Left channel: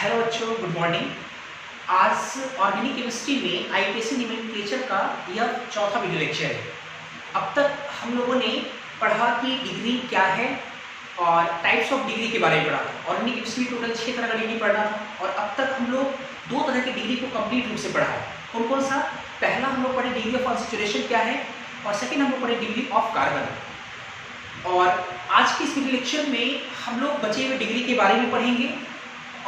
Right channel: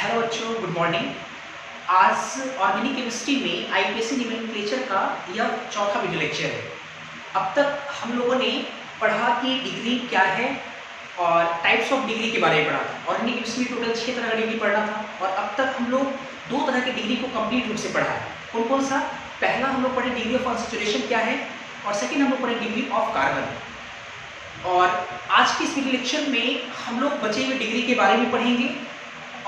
Hello बच्चों, good morning. आज organic chemistry में आईपीएसी नोमेनक्लेचर का यह चौथा वीडियो लेक्चर है। अब तक हम लोगों ने पढ़ा कि डिग्री क्या है और टाइप्स ऑफ डिग्री के बारे में पढ़ा था। ऑर्गेनिक केमिस्ट्री में टोटल 6 तरह का डिग्री पढ़ना था और अब तक हम लोग 2 तरह की डिग्री को कंप्लीट रूप से पढ़ा है। कौन कौन सा? पहला हम लोग पढ़े डिग्री ऑफ कॉन्सेंट्रेशन क्या है और सेकेंड हम लोग पढ़े डिग्री ऑफ कार्बन। और आज की इस वीडियो लेक्चर में हम लोग बचे हुए डिग्री के बारे में पढ़ेंगे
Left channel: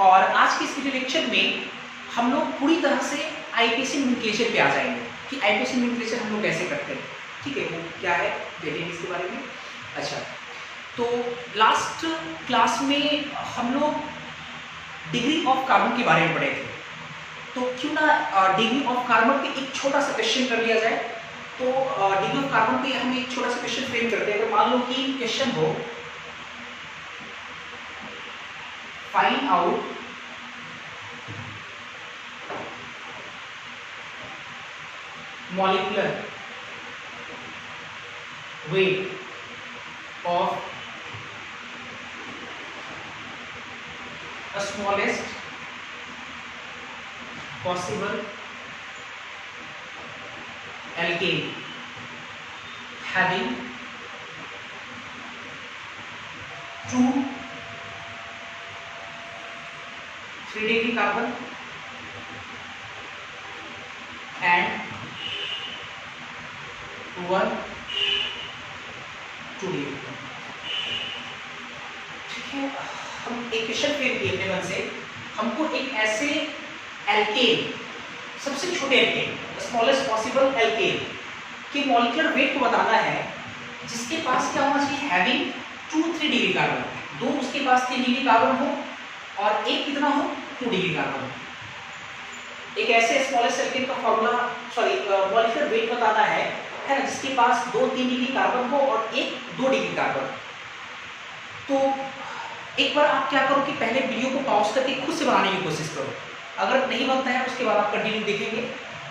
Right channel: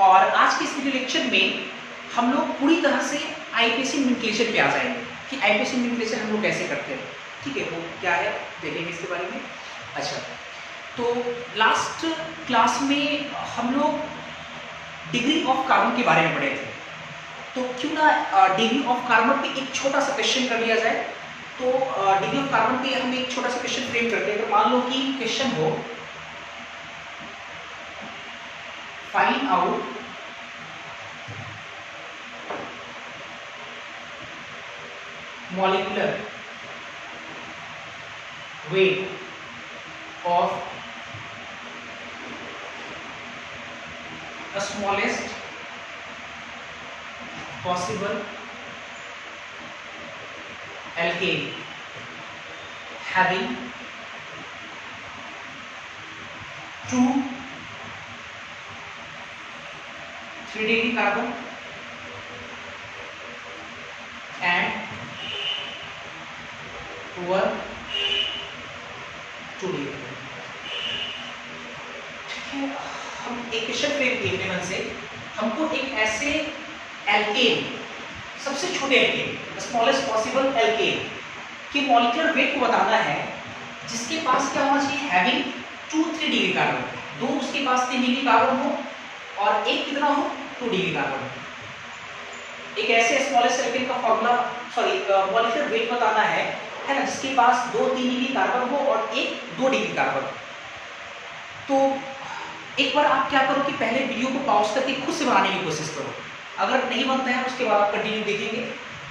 और आज के इस वीडियो लेक्चर में हम लोग पूरी तरह से आईपीएसी नोमेनक्लेचर पे आ जाएंगे कि आईपीएसी नोमेनक्लेचर हम लोग कैसे करते हैं। ठीक है, वो क्या है देखेंगे इसके बारे में। अच्छा, तो लास्ट क्लास में हम लोग डिग्री ऑफ कार्बन के बारे में पढ़े थे, तो क्यों ना डिग्री ऑफ कार्बन पे एक छोटा सा क्वेश्चन कर दिया जाए। तो डिग्री ऑफ कार्बन पे हम एक छोटा सा क्वेश्चन फ्रेम करते हैं। अगर मान लो कि क्वेश्चन हो find out molecular weight of the smallest possible alkane having 2 3 degree carbon and 1 2 degree। ठीक है, हम एक क्वेश्चन फ्रेम किए अपने मन से। हमको एक ऐसे एल्केन, सबसे छोटे एल्केन, स्मॉलेस्ट पॉसिबल एल्केन के मॉलिक्यूलर वेट को बताना है जिसके पास क्या होना चाहिए, हैविंग 2-3 डिग्री कार्बन। दो उसके पास 3 डिग्री कार्बन हो और एक कितना हो, 2 डिग्री कार्बन। एक ऐसे स्मॉलेस्ट एल्केन का फॉर्मूला मॉलिक्यूलर वेट बताना है ना, जिसके पास 2-3 डिग्री कार्बन हो और एक 2 डिग्री कार्बन। तो एक बार आप क्या करो कि पहले वीडियो को पॉज करके खुद से बनाने की कोशिश करो। अगर नहीं बनता है उसके बाद आप कंटिन्यू देखेंगे,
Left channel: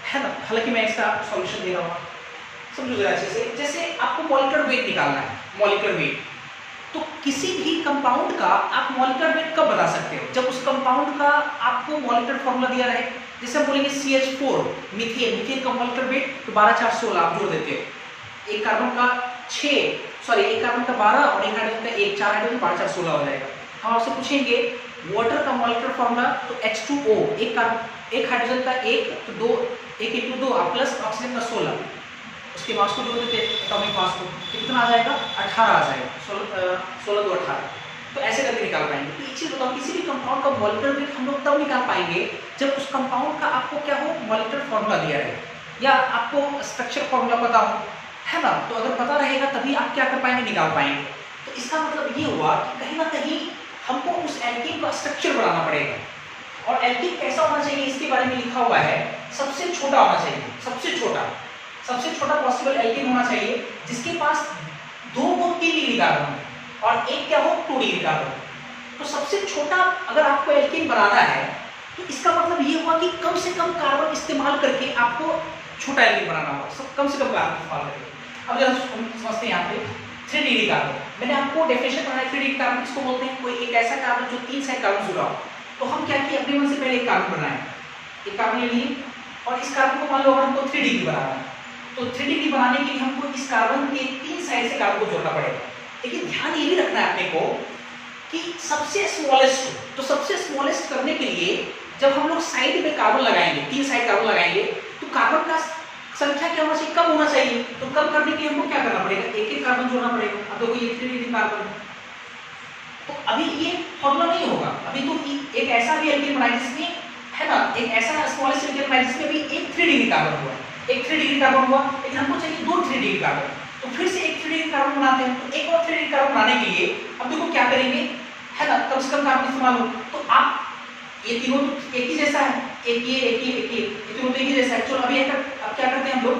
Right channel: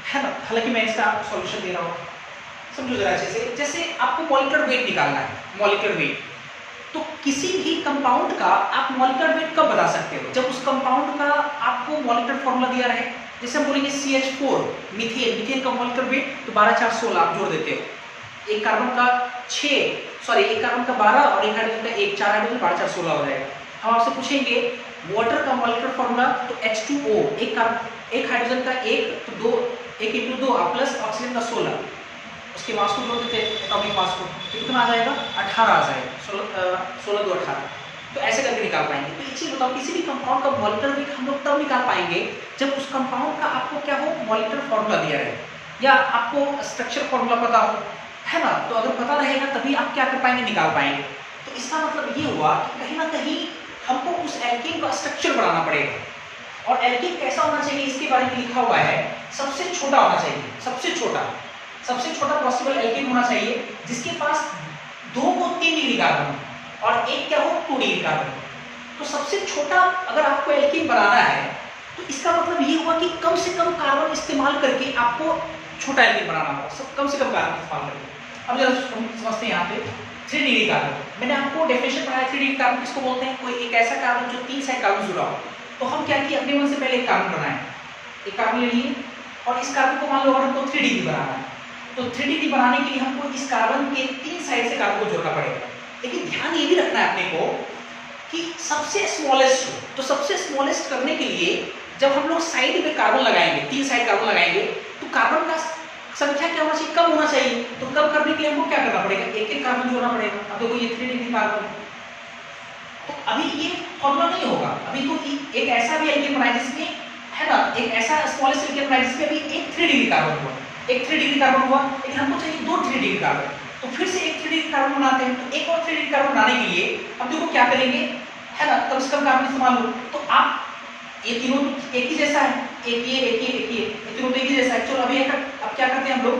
है ना। हालांकि मैं इसका सॉल्यूशन दे रहा हूँ, समझो जरा अच्छे से। जैसे आपको मॉलिक्यूलर वेट निकालना है, मॉलिक्यूलर वेट, तो किसी भी कंपाउंड का आप मॉलिक्यूलर वेट कब बता सकते हो, जब उस कंपाउंड का आपको मॉलिक्यूलर फॉर्मूला दिया रहे। जैसे हम बोलेंगे CH4 मीथेन, मीथेन का मॉलिक्यूलर वेट तो 12 4 16 आप जोड़ देते हो। एक कार्बन का एक कार्बन का 12 और एक हाइड्रोजन का 1, 4 हाइड्रोजन 12 4 16 हो जाएगा। हम आपसे पूछेंगे वाटर का मॉलिक्यूलर फॉर्मूला, तो H2O, एक हाइड्रोजन का 1 तो 2, 1 × 2 प्लस ऑक्सीजन का 16, उसके मास को जोड़ देते एटॉमिक मास को, तो कितना आ जाएगा, 18 आ जाएगा। 16 2 18। तो ऐसे करके निकाल पाएंगे। तो एक चीज बताओ, किसी भी कंपाउंड का मॉलिक्यूलर वेट हम लोग तब निकाल पाएंगे जब उस कंपाउंड का आपको क्या हो, मॉलिक्यूलर फॉर्मूला दिया रहे या आपको स्ट्रक्चर फॉर्मूला पता हो, है ना। तो अगर पता रहेगा तभी आप क्या कर पाएंगे, निकाल पाएंगे। तो इसका मतलब ये हुआ कि कहीं ना कहीं हमको उस एल्केन का स्ट्रक्चर बनाना पड़ेगा। और एल्केन कैसा होना चाहिए इसके बारे में लिखा हुआ है, सबसे छोटा होना चाहिए, सबसे छोटा पॉसिबल एल्केन होना चाहिए जिसके पास 2 को 3 डिग्री कार्बन और एक क्या हो, 2 डिग्री कार्बन। तो सबसे छोटा अगर आपको एल्केन बनाना है तो इसका मतलब ये हुआ कि कम से कम कार्बन इस्तेमाल करके आपको छोटा एल्केन बनाना होगा, सब कम से कम कार्बन इस्तेमाल करके। अब जरा हम समझते हैं यहाँ पे 3 डिग्री कार्बन। मैंने आपको डेफिनेशन बनाया 3 डिग्री कार्बन किसको बोलते हैं, कोई एक ऐसा कार्बन जो 3 साइड कार्बन जुड़ा हो। तो हम क्या किए, अपने मन से पहले एक कार्बन बनाए, एक कार्बन ले लिए और इस कार्बन को मान लो हमको 3 डिग्री बनाना है। तो 3 डिग्री बनाने के लिए हमको इस कार्बन के 3 साइड से कार्बन को जोड़ना पड़ेगा। लेकिन ध्यान ये भी रखना है अपने को कि सबसे स्मॉलेस्ट, तो सबसे स्मॉलेस्ट करने के लिए जब हम लोग साइड में कार्बन लगाएंगे, 3 साइड कार्बन लगाएंगे, तो कार्बन का संख्या क्या होना चाहिए, कम होना चाहिए। तो कम करने के लिए हमको क्या करना पड़ेगा, एक एक कार्बन जोड़ना पड़ेगा। अब देखो ये 3 डिग्री कार्बन, तो अभी ये फॉर्मूला नहीं होगा। अभी तो एक ऐसा भी एल्केन बनाए जिसमें, है ना, एक ऐसा स्मॉलेस्ट एल्केन बनाए जिसमें अभी एक 3 डिग्री कार्बन हुआ, एक 3 डिग्री कार्बन हुआ, लेकिन हमको चाहिए 2 3 डिग्री कार्बन। तो फिर से एक 3 डिग्री कार्बन बनाते हैं। तो एक और 3 डिग्री कार्बन बनाने के लिए अब देखो क्या करेंगे, है ना, कम से कम कार्बन इस्तेमाल हो। तो आप ये तीनों तो एक ही जैसा है, एक ये तीनों तो एक ही जैसा है। चलो अभी अब क्या करते हैं हम लोग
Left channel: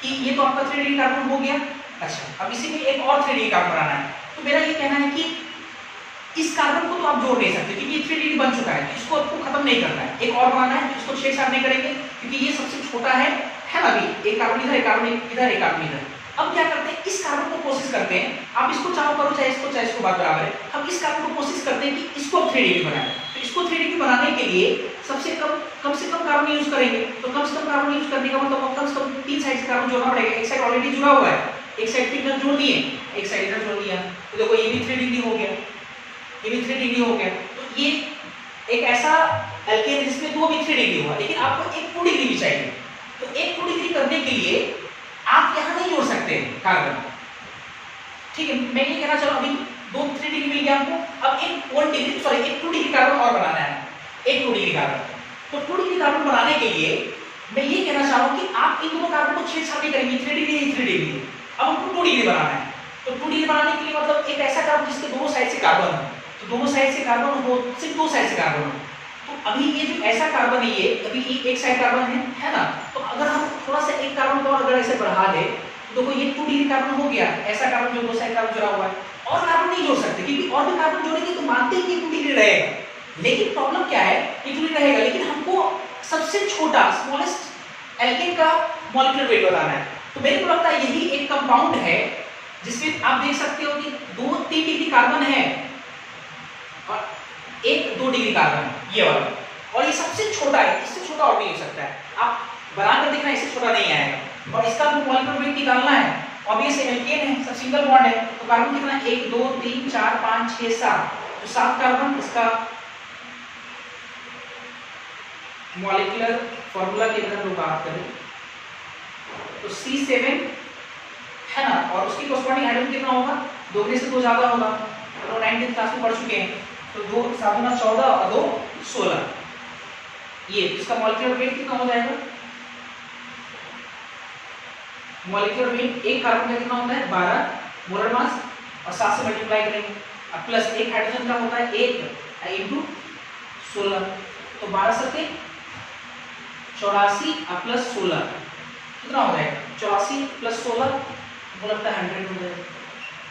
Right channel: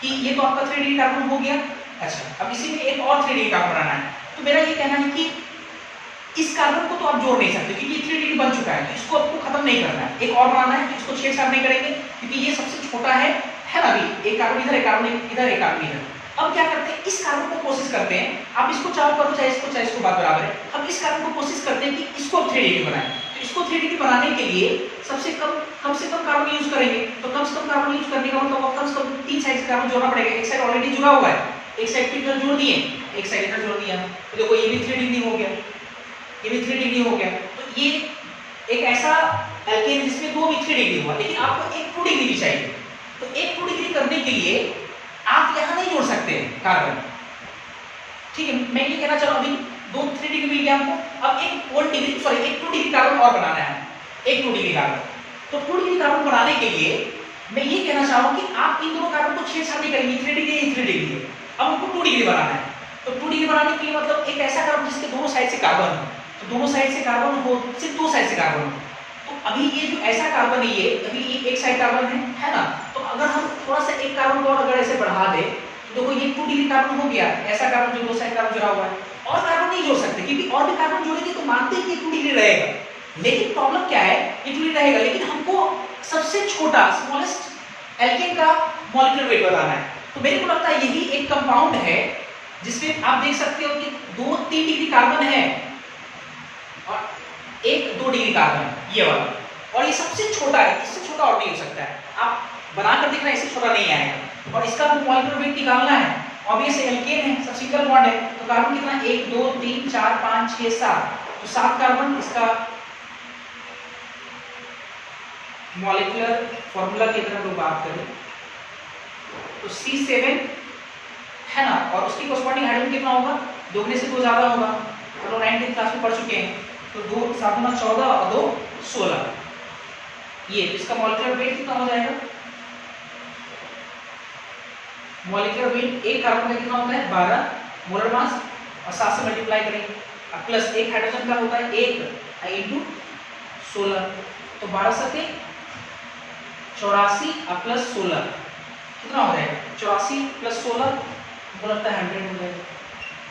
कि ये तो आपका 3 डिग्री कार्बन हो गया। अच्छा, अब इसी में एक और 3 डिग्री कार्बन बनाना है। तो मेरा ये कहना है कि इस कार्बन को तो आप जोड़ नहीं सकते क्योंकि ये 3 डिग्री बन चुका है, तो इसको आपको खत्म नहीं करना है, एक और बनाना है। इसको छेड़छाड़ नहीं करेंगे क्योंकि ये सबसे छोटा है ना। अभी एक कार्बन इधर, एक कार्बन इधर, एक कार्बन इधर। अब क्या करते हैं, इस कार्बन को कोशिश करते हैं, आप इसको चाहो करो चाहे इसको बात बराबर है। हम इस कार्बन को कोशिश करते हैं कि इसको 3 डिग्री बनाएं। तो इसको 3 डिग्री बनाने के लिए सबसे कम से कम कार्बन यूज करेंगे। तो कम से कम कार्बन यूज करने का मतलब कम से कम 3 साइड से कार्बन जोड़ना पड़ेगा। एक साइड ऑलरेडी जुड़ा हुआ है, एक साइड फिर इधर जोड़ दिए, एक साइड इधर जोड़ दिया, तो देखो ये भी 3 डिग्री हो गया, ये भी 3 डिग्री हो गया। तो ये एक ऐसा एल्केन जिसमें 2 भी 3 डिग्री हुआ, लेकिन आपको एक 2 डिग्री भी चाहिए। तो एक 2 डिग्री करने के लिए आप यहाँ नहीं जोड़ सकते कार्बन, ठीक है। मैं ये कहना चाहूँ अभी 2-3 डिग्री मिल गया हमको, अब एक 2 डिग्री कार्बन और बनाना है, एक 2 डिग्री कार्बन। तो 2 डिग्री कार्बन बनाने के लिए मैं ये कहना चाहूँ कि आप इन दोनों कार्बन को छेड़छाड़ नहीं करेंगे, 3 डिग्री 3 डिग्री। अब हमको 2 डिग्री बनाना है, तो 2 डिग्री बनाने के लिए मतलब एक ऐसा कार्बन जिसके दोनों साइड से कार्बन हो, तो दोनों साइड से कार्बन हो, सिर्फ 2 साइड से कार्बन हो। तो अभी ये जो ऐसा कार्बन है, ये अभी एक साइड कार्बन है ना, तो अगर हम थोड़ा सा एक कार्बन को अगर ऐसे बढ़ा दे तो देखो ये 2 डिग्री कार्बन हो गया, ऐसा कार्बन जो 2 साइड कार्बन जुड़ा हुआ है। और कार्बन नहीं जोड़ सकते क्योंकि और भी कार्बन जोड़ेंगे तो मानते हैं कि 2 डिग्री रहेगा, लेकिन प्रॉब्लम क्या है, 2 डिग्री रहेगा, लेकिन हमको सबसे छोटा स्मॉलेस्ट एल्केन का मॉलिक्यूलर वेट बताना है। तो मेरे को लगता है यही एक कंपाउंड है जिसमें आप देख सकते हो कि 2-3 डिग्री कार्बन है और एक 2 डिग्री कार्बन है, ये वाला, और ये सबसे छोटा है, इससे छोटा और नहीं हो सकता है। आप बना कर देखना, इससे छोटा नहीं आएगा। और इसका मॉलिक्यूलर वेट निकालना है, ऑब्वियस एल्केन है, सब सिंगल बॉन्ड है, तो कार्बन कितना 1 2 3 4 5 6 7, तो 7 कार्बन। इसका मॉलिक्यूलर फॉर्मूला की अगर हम लोग बात करें तो C7 है ना, और उसकी कोरस्पॉन्डिंग हाइड्रोजन कितना होगा, 2 में से 2 ज्यादा होगा, तो लोग 9th क्लास में पढ़ चुके हैं। तो 2 7 गुना 14 और 2 16, ये इसका मॉलिक्यूलर वेट कितना हो जाएगा, मॉलिक्यूलर वेट एक कार्बन का कितना होता है 12 मोलर मास, और 7 से मल्टीप्लाई करेंगे, अब प्लस एक हाइड्रोजन का होता है 1 इंटू 16, तो 12 सत्ते 84 और प्लस 16 कितना हो जाएगा, 84 प्लस 16 वो लगता है 100 हो जाएगा,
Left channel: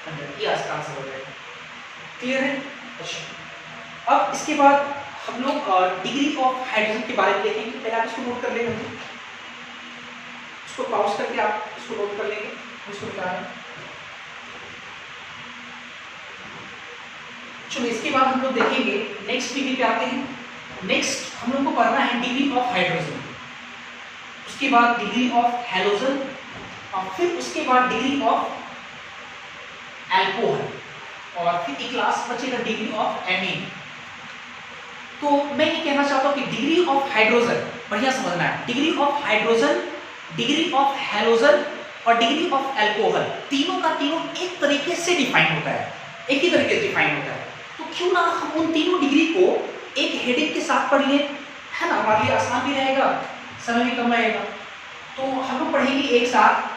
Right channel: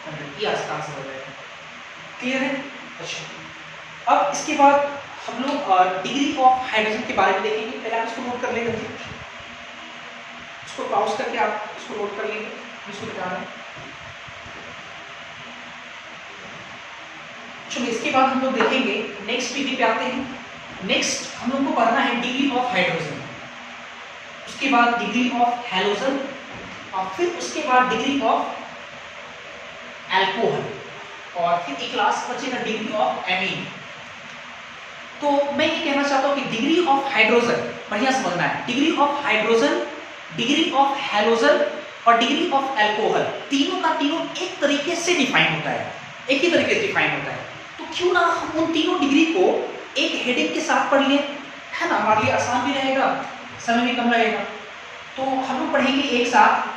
100 ये आसपास हो जाएगा। क्लियर है? अच्छा, अब इसके बाद हम लोग डिग्री ऑफ हाइड्रोजन के बारे में देखेंगे। पहले आप इसको नोट कर लेंगे, इसको पॉज करके आप इसको नोट कर लेंगे, इसको बता रहे हैं। चलो इसके बाद हम लोग देखेंगे नेक्स्ट डिग्री पे आते हैं। नेक्स्ट हम लोग को पढ़ना है डिग्री ऑफ हाइड्रोजन, उसके बाद डिग्री ऑफ हैलोजन, और फिर उसके बाद डिग्री ऑफ एल्कोहल, और फिर एक क्लास बचेगा डिग्री ऑफ एमीन। तो मैं ये कहना चाहता हूं कि डिग्री ऑफ हाइड्रोजन बढ़िया समझना है। Degree of hydrogen, degree of halogen और डिग्री ऑफ एल्कोहल, तीनों का तीनों एक तरीके से डिफाइन होता है, एक ही तरीके से डिफाइन होता है। तो क्यों ना हम उन तीनों डिग्री को एक हेडिंग के साथ पढ़ लें, है ना, हमारे लिए आसान भी रहेगा, समय भी कम रहेगा। तो हम लोग पढ़ेंगे एक साथ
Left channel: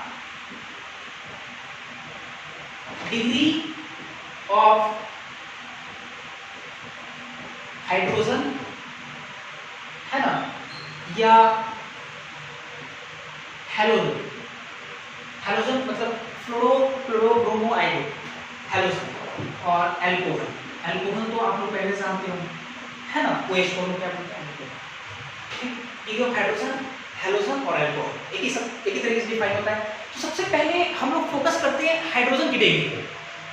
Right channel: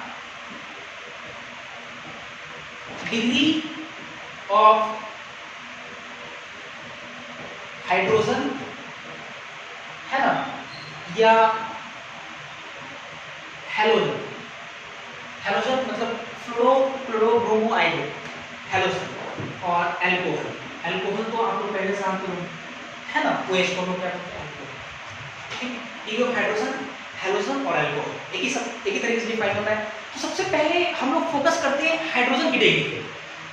डिग्री ऑफ हाइड्रोजन, है ना, या हैलोजन। हैलोजन मतलब fluoro chloro bromo iodo, halogen, और एल्कोहल। एल्कोहल तो आप लोग पहले जानते हो, है ना, OH को क्या बोलते हैं, ठीक। डिग्री ऑफ हाइड्रोजन, हैलोजन और एल्कोहल एक ही तरीके से डिफाइन होता है। तो सबसे पहले हम लोग फोकस करते हैं हाइड्रोजन की डिग्री पे।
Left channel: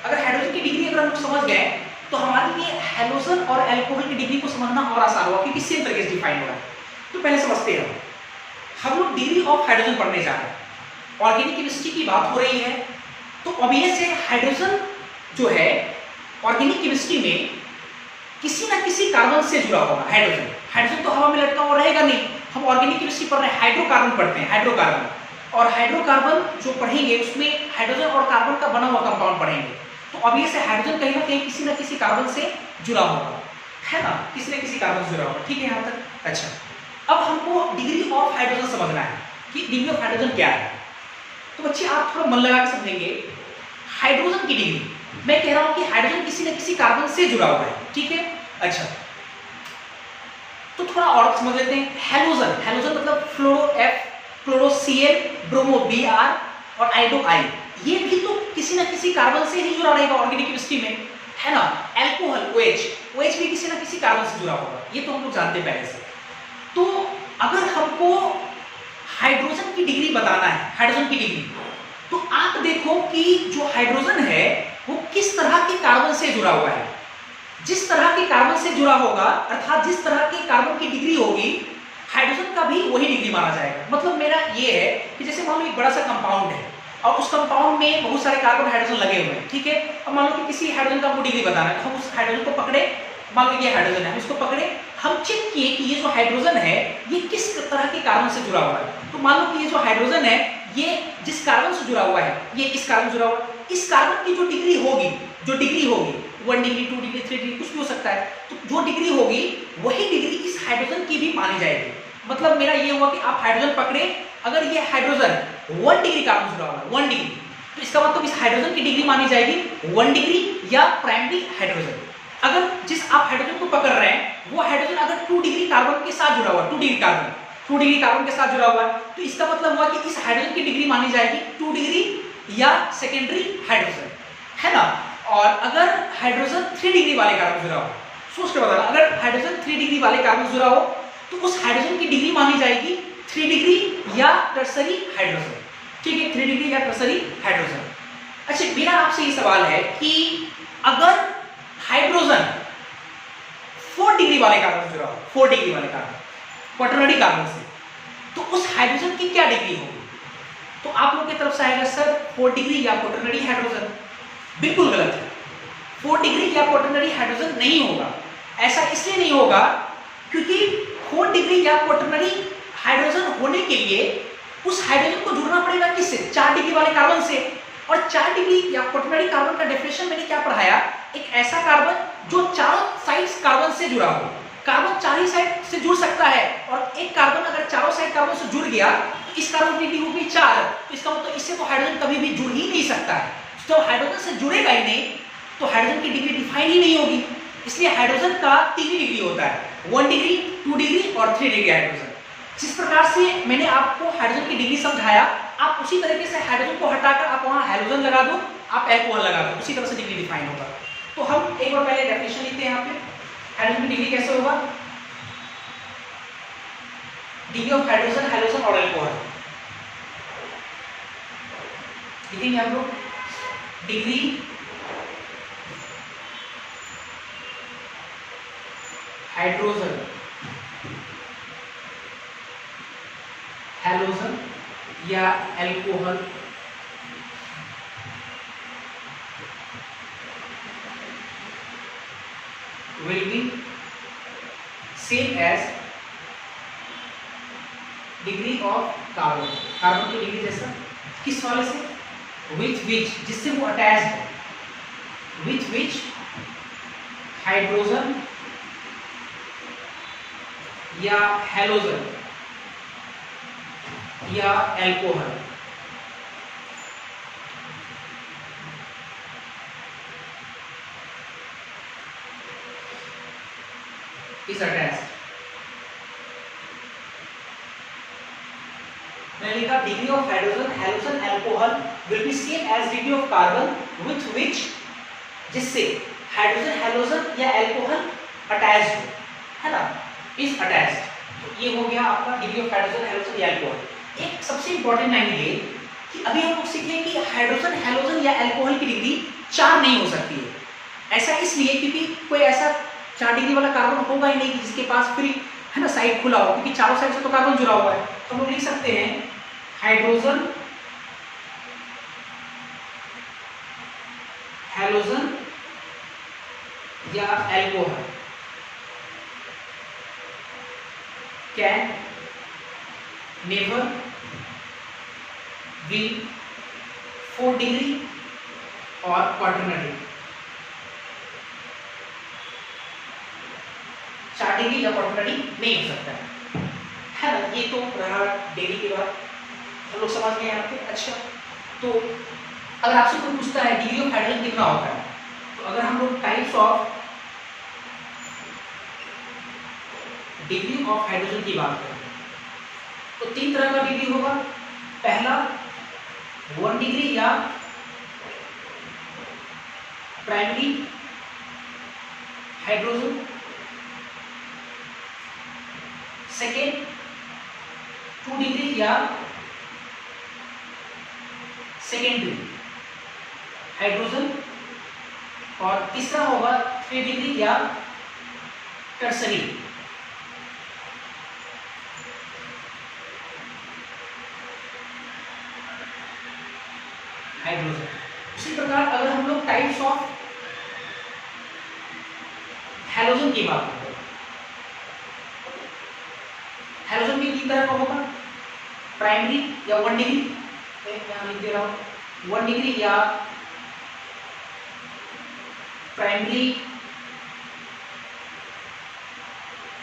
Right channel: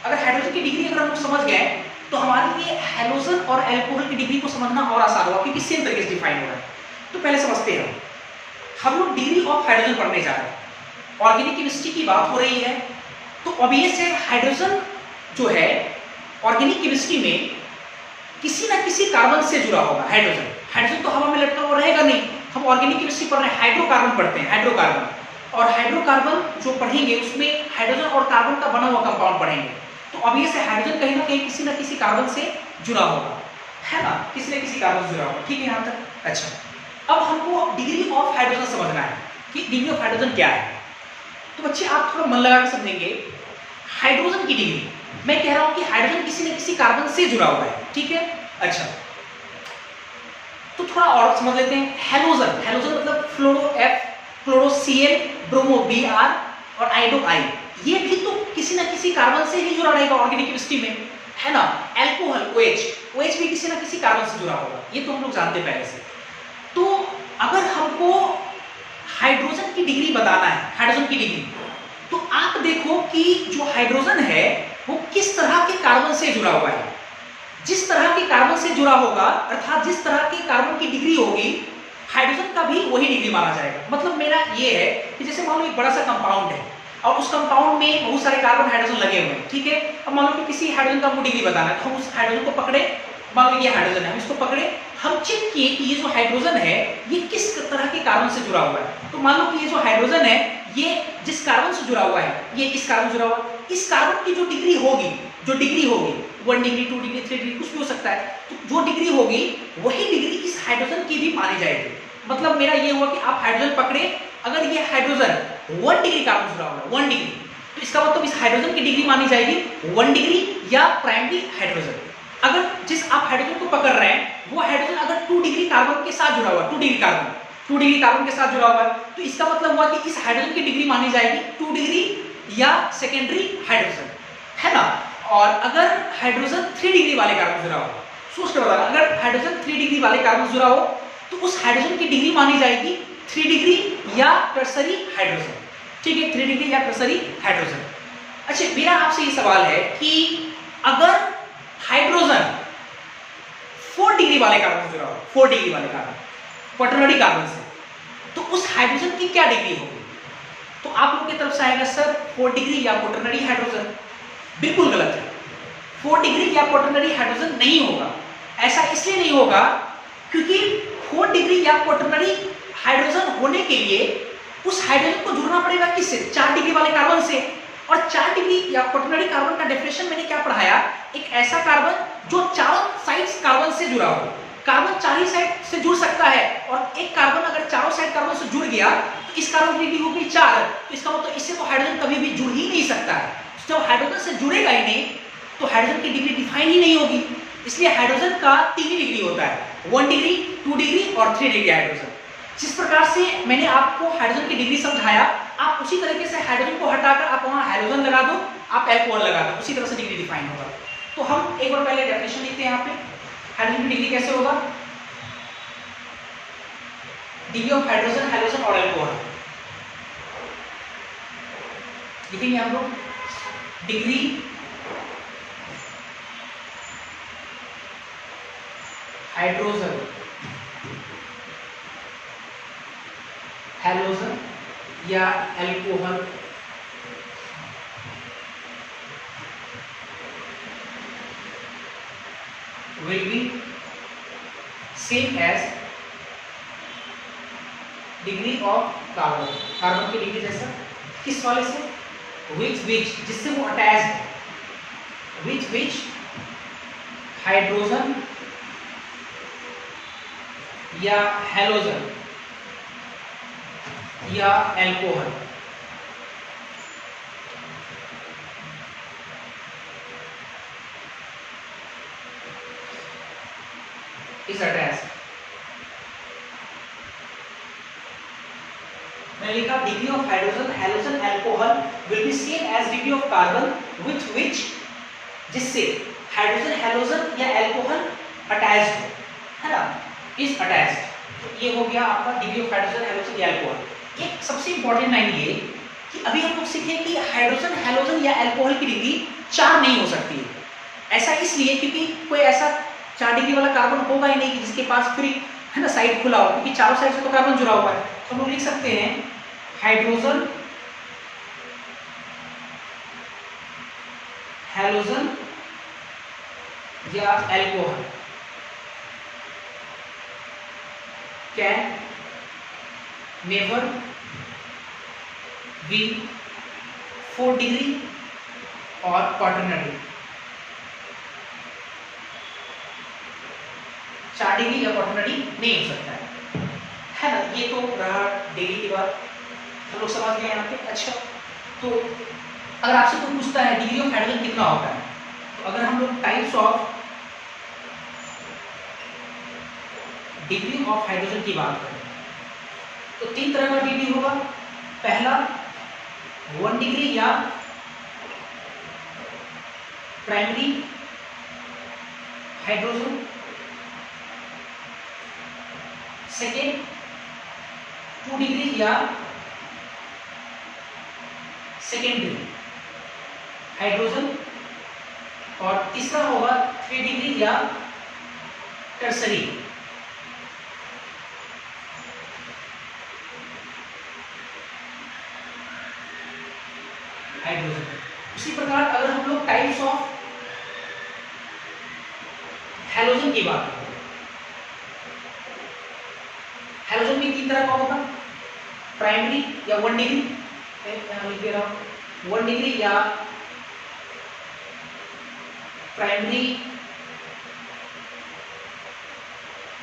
अगर हाइड्रोजन की डिग्री अगर हम लोग समझ गए तो हमारे लिए हैलोजन और एल्कोहल की डिग्री को समझना और आसान होगा, क्योंकि सेम तरीके से डिफाइन हो रहा है। तो पहले समझते हैं, हम लोग डिग्री ऑफ हाइड्रोजन पढ़ने जा रहे हैं। ऑर्गेनिक केमिस्ट्री की बात हो रही है, तो ऑब्वियस है हाइड्रोजन जो है ऑर्गेनिक केमिस्ट्री में किसी ना किसी कार्बन से जुड़ा होगा। हाइड्रोजन तो हवा में लटका हुआ रहेगा नहीं। हम ऑर्गेनिक केमिस्ट्री पढ़ रहे हैं, हाइड्रोकार्बन पढ़ते हैं, हाइड्रोकार्बन, और हाइड्रोकार्बन जो पढ़ेंगे उसमें हाइड्रोजन और कार्बन का बना हुआ कंपाउंड पढ़ेंगे। तो ऑब्वियस है हाइड्रोजन कहीं ना कहीं किसी ना किसी कार्बन से जुड़ा होगा, है ना, किसी न किसी कार्बन से जुड़ा होगा। ठीक है यहाँ तक? अच्छा, अब हमको डिग्री ऑफ हाइड्रोजन समझना है कि डिग्री ऑफ हाइड्रोजन क्या है। तो बच्चे आप थोड़ा मन लगा के समझेंगे, हाइड्रोजन की डिग्री, मैं कह रहा हूं कि हाइड्रोजन किसी न किसी कार्बन से जुड़ा हुआ है, ठीक है। अच्छा, तो थोड़ा और समझ लेते हैं। हैलोजन मतलब फ्लोरो F, chloro Cl, bromo Br और आयोडो I, ये भी तो किसी न किसी कार्बन से ही जुड़ा रहेगा ऑर्गेनिक केमिस्ट्री में, है ना। एल्कोहल OH भी किसी न किसी कार्बन से जुड़ा होगा, ये तो हम लोग जानते हैं पहले से। तो अगर हमको हाइड्रोजन की डिग्री बताना है, हाइड्रोजन की डिग्री, तो आप देखो कि जो हाइड्रोजन है वो किस तरह के कार्बन से जुड़ा हुआ है। जिस तरह के कार्बन से जुड़ा होगा, अर्थात जिस तरह की कार्बन की डिग्री होगी, हाइड्रोजन का भी वही डिग्री माना जाएगा। मतलब मेरा ये है कि जैसे मान लो एक बड़ा सा कंपाउंड है और उस कंपाउंड में बहुत सारे कार्बन हाइड्रोजन लगे हुए हैं, ठीक है। अब मान लो कि किसी हाइड्रोजन का हमको डिग्री बताना है, तो हम उस हाइड्रोजन को पकड़े, मान लो ये हाइड्रोजन है, हम इसको पकड़े, हम चेक किए कि ये जो हाइड्रोजन है ये किस तरह के कार्बन से जुड़ा हुआ है। तो मान लो कि ये जो हाइड्रोजन है ये जिस कार्बन से जुड़ा हुआ है, ये इस कार्बन से जुड़ा हुआ है, इस कार्बन की जो डिग्री होगी 1 डिग्री 2 डिग्री 3 डिग्री कुछ भी हो सकता है, तो जो डिग्री होगी वही डिग्री इस हाइड्रोजन की भी मानी जाएगी। मतलब मेरा ये हुआ कि आप हाइड्रोजन पकड़े, अगर ये हाइड्रोजन 1 डिग्री कार्बन से जुड़ा हुआ है, 1 डिग्री, तो इसका मतलब इस हाइड्रोजन की डिग्री मानी जाएगी 1 डिग्री या प्राइमरी हाइड्रोजन। अगर जिस आप हाइड्रोजन को पकड़ रहे हैं वो हाइड्रोजन अगर 2 डिग्री कार्बन के साथ जुड़ा हुआ है, 2 डिग्री कार्बन के साथ जुड़ा हुआ है, तो इसका मतलब हुआ कि इस हाइड्रोजन की डिग्री मानी जाएगी 2 डिग्री या सेकेंडरी हाइड्रोजन, है ना। और अगर हाइड्रोजन 3 डिग्री वाले कार्बन जुड़ा हो, सोच के बताना, अगर हाइड्रोजन 3 डिग्री वाले कार्बन जुड़ा हो तो उस हाइड्रोजन की डिग्री मानी जाएगी 3 डिग्री या टर्सरी हाइड्रोजन, ठीक है, 3 डिग्री या टर्सरी हाइड्रोजन। अच्छा, मेरा आपसे ये सवाल है कि अगर हाइड्रोजन 4 डिग्री वाले कार्बन से जुड़ा हो, 4 डिग्री वाले कार्बन, क्वाटरनरी कार्बन से, तो उस हाइड्रोजन की क्या डिग्री होगी? तो आप लोगों की तरफ से आएगा सर 4 डिग्री या क्वाटरनरी हाइड्रोजन। बिल्कुल गलत है, 4 डिग्री या क्वाटरनरी हाइड्रोजन नहीं होगा। ऐसा इसलिए नहीं होगा क्योंकि 4 डिग्री या क्वाटरनरी हाइड्रोजन होने के लिए उस हाइड्रोजन को जुड़ना पड़ेगा किससे? 4 डिग्री वाले कार्बन से। और 4 डिग्री या क्वाटरनरी कार्बन का डेफिनेशन मैंने क्या पढ़ाया? एक ऐसा कार्बन जो चारों साइड्स कार्बन से जुड़ा हो। कार्बन 4 ही साइड से जुड़ सकता है, और एक कार्बन अगर चारों साइड कार्बन से जुड़ गया तो इस कार्बन की डिग्री हो गई 4, तो इसका मतलब इससे तो हाइड्रोजन कभी भी जुड़ ही नहीं सकता है। जब हाइड्रोजन से जुड़ेगा ही नहीं तो हाइड्रोजन की डिग्री डिफाइन ही नहीं होगी। इसलिए हाइड्रोजन का 3 डिग्री होता है, 1 डिग्री, 2 डिग्री और 3 डिग्री हाइड्रोजन। जिस प्रकार से मैंने आपको हाइड्रोजन की डिग्री समझाया, आप उसी तरीके से हाइड्रोजन को हटाकर आप वहां हाइड्रोजन लगा दो, आप अल्कोहल लगा दो, उसी तरह से डिग्री डिफाइन होगा। तो हम एक बार पहले डेफिनेशन लिखते हैं। यहाँ पे हाइड्रोजन की डिग्री कैसे होगा? डिग्री ऑफ हाइड्रोजन, हैलोजन और अल्कोहल लिखेंगे हम लोग। डिग्री हाइड्रोजन, हैलोजन या alcohol will be same as degree of carbon. Carbon की डिग्री जैसा किस वाले से? विच जिससे वो अटैच्ड, विच हाइड्रोजन या हैलोजन या अल्कोहल। इस अटैच मैंने लिखा degree of hydrogen, halogen, alcohol will be same as degree of carbon which जिससे हाइड्रोजन, हैलोजन या अल्कोहल अटैच्ड है ना, इज अटैच्ड। तो ये हो गया आपका डिग्री ऑफ हाइड्रोजन, हैलोजन या अल्कोहल। एक सबसे इंपॉर्टेंट लाइन ये कि अभी हम लोग सीखे कि हाइड्रोजन, हैलोजन या अल्कोहल की डिग्री 4 नहीं हो सकती है। ऐसा इसलिए क्योंकि कोई ऐसा 4 डिग्री वाला कार्बन होगा ही नहीं कि जिसके पास फ्री है ना साइड खुला हो, क्योंकि चारों साइड से तो कार्बन जुड़ा हुआ है। तो हम लोग लिख सकते हैं हाइड्रोजन, हैलोजन या alcohol can never be 4 degree और क्वाटरनरी। 4 डिग्री या क्वाटरनरी नहीं हो सकता है ना। ये तो रहा डिग्री की बात, हम लोग समझ गए यहाँ पे। अच्छा, तो अगर आपसे कोई पूछता है डिग्री ऑफ हाइड्रोजन कितना होता है, तो अगर हम लोग types of degree of hydrogen की बात करें तो 3 तरह का डिग्री होगा। पहला 1 डिग्री या प्राइमरी हाइड्रोजन, सेकेंड 2 डिग्री या सेकेंडरी हाइड्रोजन, और तीसरा होगा 3 डिग्री या टर्सरी। हाइड्रोजन। उसी प्रकार अगर हम लोग टाइप्स ऑफ हैलोजन की बात करें, हैलोजन भी 3 तरह का होगा, प्राइमरी या 1 डिग्री, यहाँ लिख दे रहा हूं 1 डिग्री या प्राइमरी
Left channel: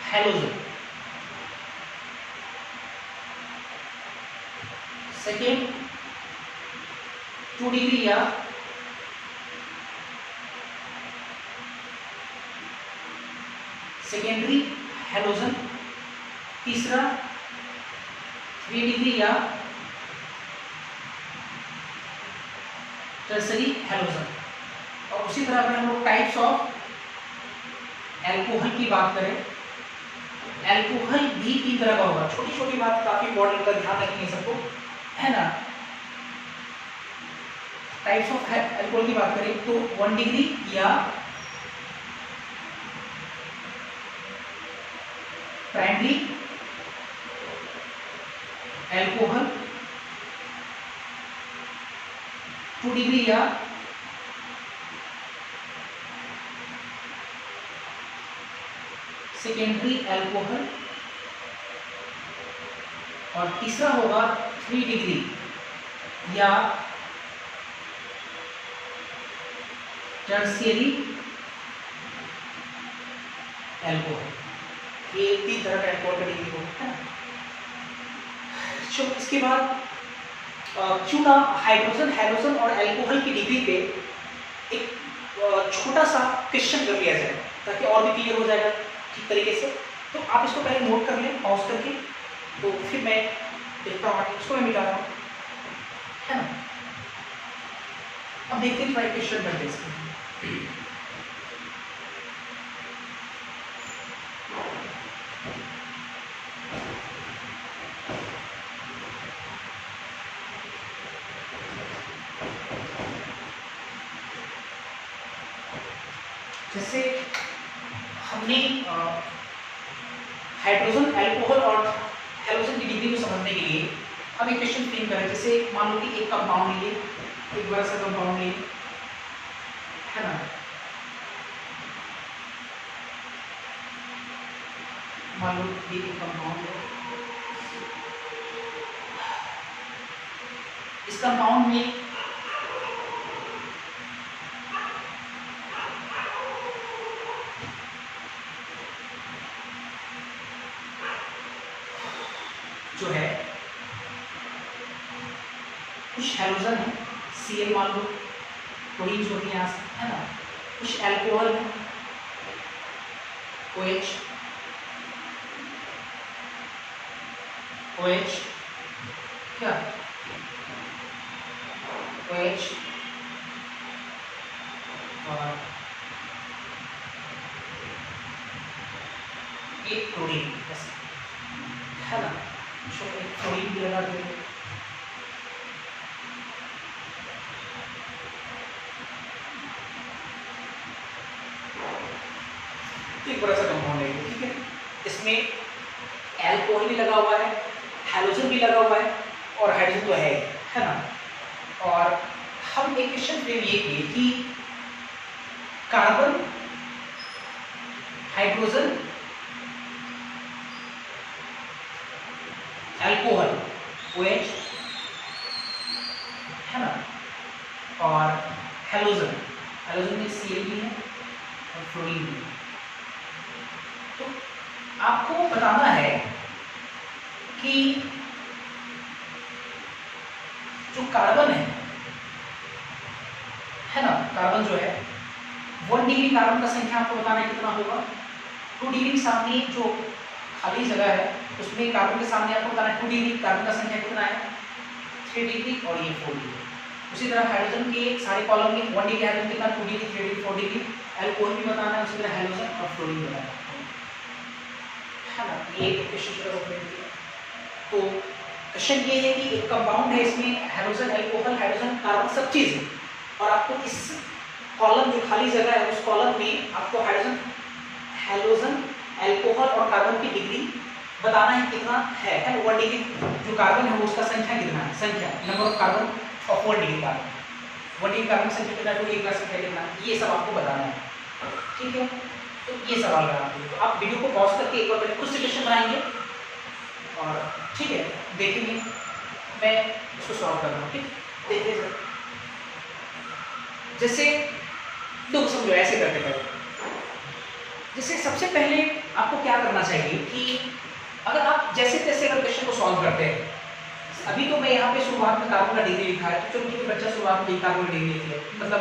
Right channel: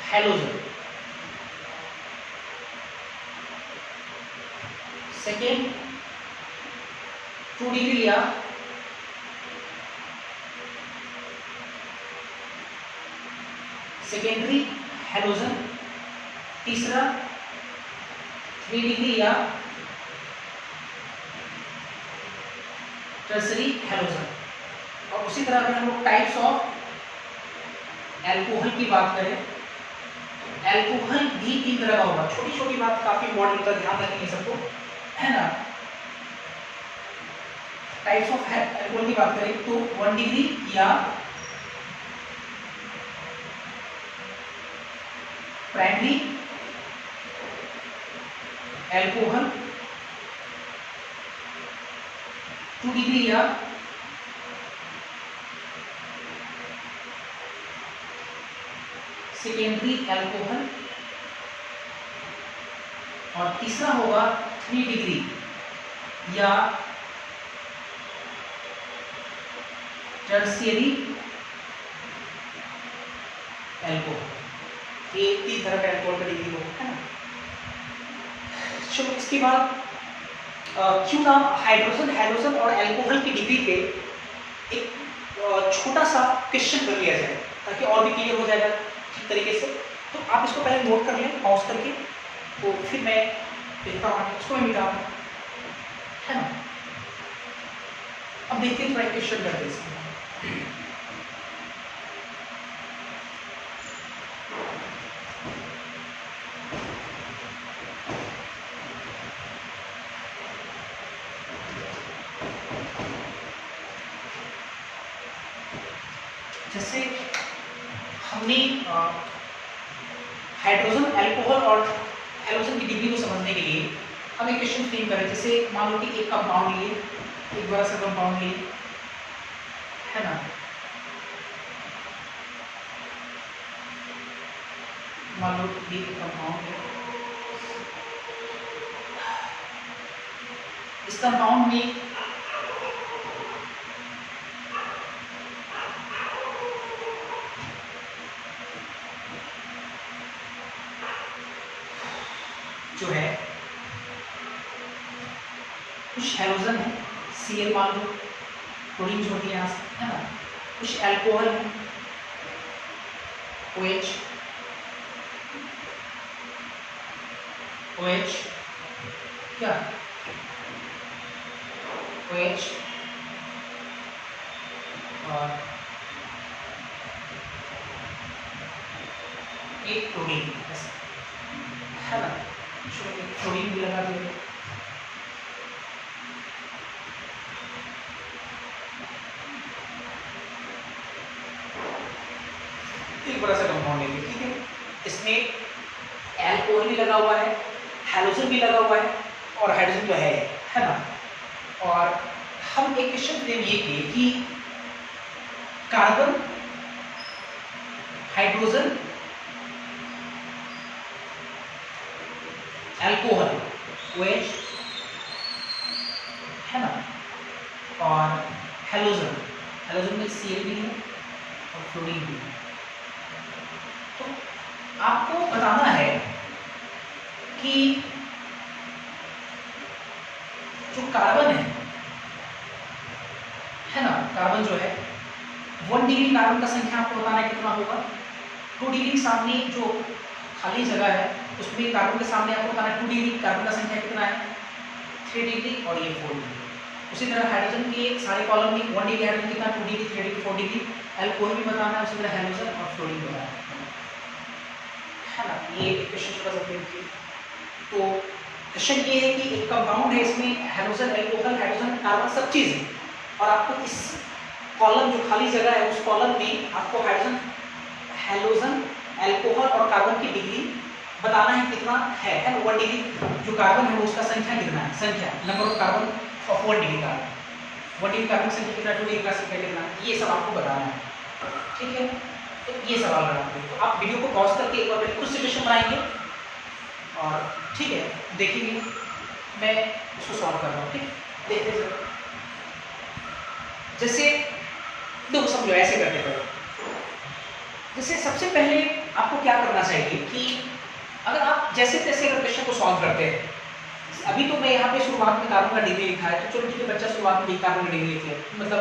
हैलोजन। सेकेंड 2 डिग्री या सेकेंडरी हैलोजन। तीसरा 3 डिग्री या टर्सरी हैलोजन। और उसी तरह अगर हम लोग टाइप्स ऑफ एल्कोहल की बात करें, एल्कोहल भी 3 तरह का होगा। छोटी छोटी बात काफी इंपॉर्टेंट है, ध्यान रखिए सबको, है ना। टाइप्स ऑफ एल्कोहल की बात करें तो 1 डिग्री या प्राइमरी एल्कोहल, 2 डिग्री या सेकेंडरी एल्कोहल, और तीसरा होगा 3 डिग्री या टर्शियरी एल्कोहल। ये 3 तरह का एल्कोहल का डिग्री होगा, है ना। चलो इसके बाद क्यों ना हाइड्रोजन, हैलोजन और एल्कोहल की डिग्री पे एक छोटा सा क्वेश्चन कर लिया जाए ताकि और भी क्लियर हो जाएगा ठीक तरीके से। तो आप इसको पहले नोट कर लें पॉज करके, तो फिर मैं देखता हूँ, इसको मैं मिटा हूँ, है ना। अब देखते हैं थोड़ा क्वेश्चन करते हैं। जैसे हमने हाइड्रोजन, अल्कोहल और हैलोजन की डिग्री को समझने के लिए हम एक क्वेश्चन फ्रेम करें। जैसे मान लो कि एक कंपाउंड लिए, एक बड़ा सा कंपाउंड लिए, है ना। मान लो कि एक कंपाउंड है, इस कंपाउंड में जो है कुछ हैलोजन है, Cl मान लो, क्लोरीन जो होती है यहाँ से, है ना। कुछ एल्कोहल है, OH, क्या OH, और एक क्लोरीन, बस, है ना। एक क्लोरीन भी लगा देंगे। एक बड़ा सा कंपाउंड लेंगे, ठीक है। इसमें एल्कोहल भी लगा हुआ है, हैलोजन भी लगा हुआ है, और हाइड्रोजन तो है ना। और हम एक क्वेश्चन फ्रेम ये किए कि कार्बन, हाइड्रोजन, एल्कोहल, OH, है ना, और हैलोजन, हैलोजन में Cl भी है और फ्लोरीन भी है। तो आपको बताना है कि जो कार्बन है ना, कार्बन जो है 1 डिग्री कार्बन का संख्या आपको बताना है कितना होगा। 2 डिग्री के सामने जो खाली जगह है उसमें कार्बन के सामने आपको बताना है 2 डिग्री कार्बन का संख्या कितना है, 3 डिग्री और ये 4 डिग्री। उसी तरह हाइड्रोजन के सारे कॉलम में 1 डिग्री हाइड्रोजन कितना, 2 डिग्री, 3 डिग्री, 4 डिग्री। एल्कोहल भी बताना है, उसी तरह हैलोजन और फ्लोरीन बताना है ना। ये क्वेश्चन छोटा सा फ्रेम किया। तो क्वेश्चन ये है कि एक कंपाउंड है, इसमें हैलोजन, एल्कोहल, हाइड्रोजन, कार्बन सब चीज़ है, और आपको इस कॉलम जो खाली जगह है उस कॉलम में आपको हाइड्रोजन, हैलोजन, अल्कोहल और कार्बन की डिग्री बताना है कितना है। एंड 1 डिग्री जो कार्बन है वो उसका संख्या कितना है, संख्या number of carbon of 1 degree carbon, 1 degree carbon की संख्या कितना, 2 डिग्री का संख्या कितना, ये सब आपको बताना है। ठीक है, तो ये सवाल रहा आपके, तो आप वीडियो को पॉज करके एक बार कुछ सिचुएशन बनाएंगे और ठीक है देखेंगे, मैं उसको सॉल्व कर रहा हूँ। ठीक, देखिए सर, जैसे दो समझो ऐसे करते पड़े। जैसे सबसे पहले आपको क्या करना चाहिए कि अगर आप जैसे तैसे अगर क्वेश्चन को सॉल्व करते हैं, अभी तो मैं यहाँ पे शुरुआत में कार्बन का डिग्री लिखा है, तो चलो ठीक है, बच्चा शुरुआत में कार्बन का डिग्री लिखे मतलब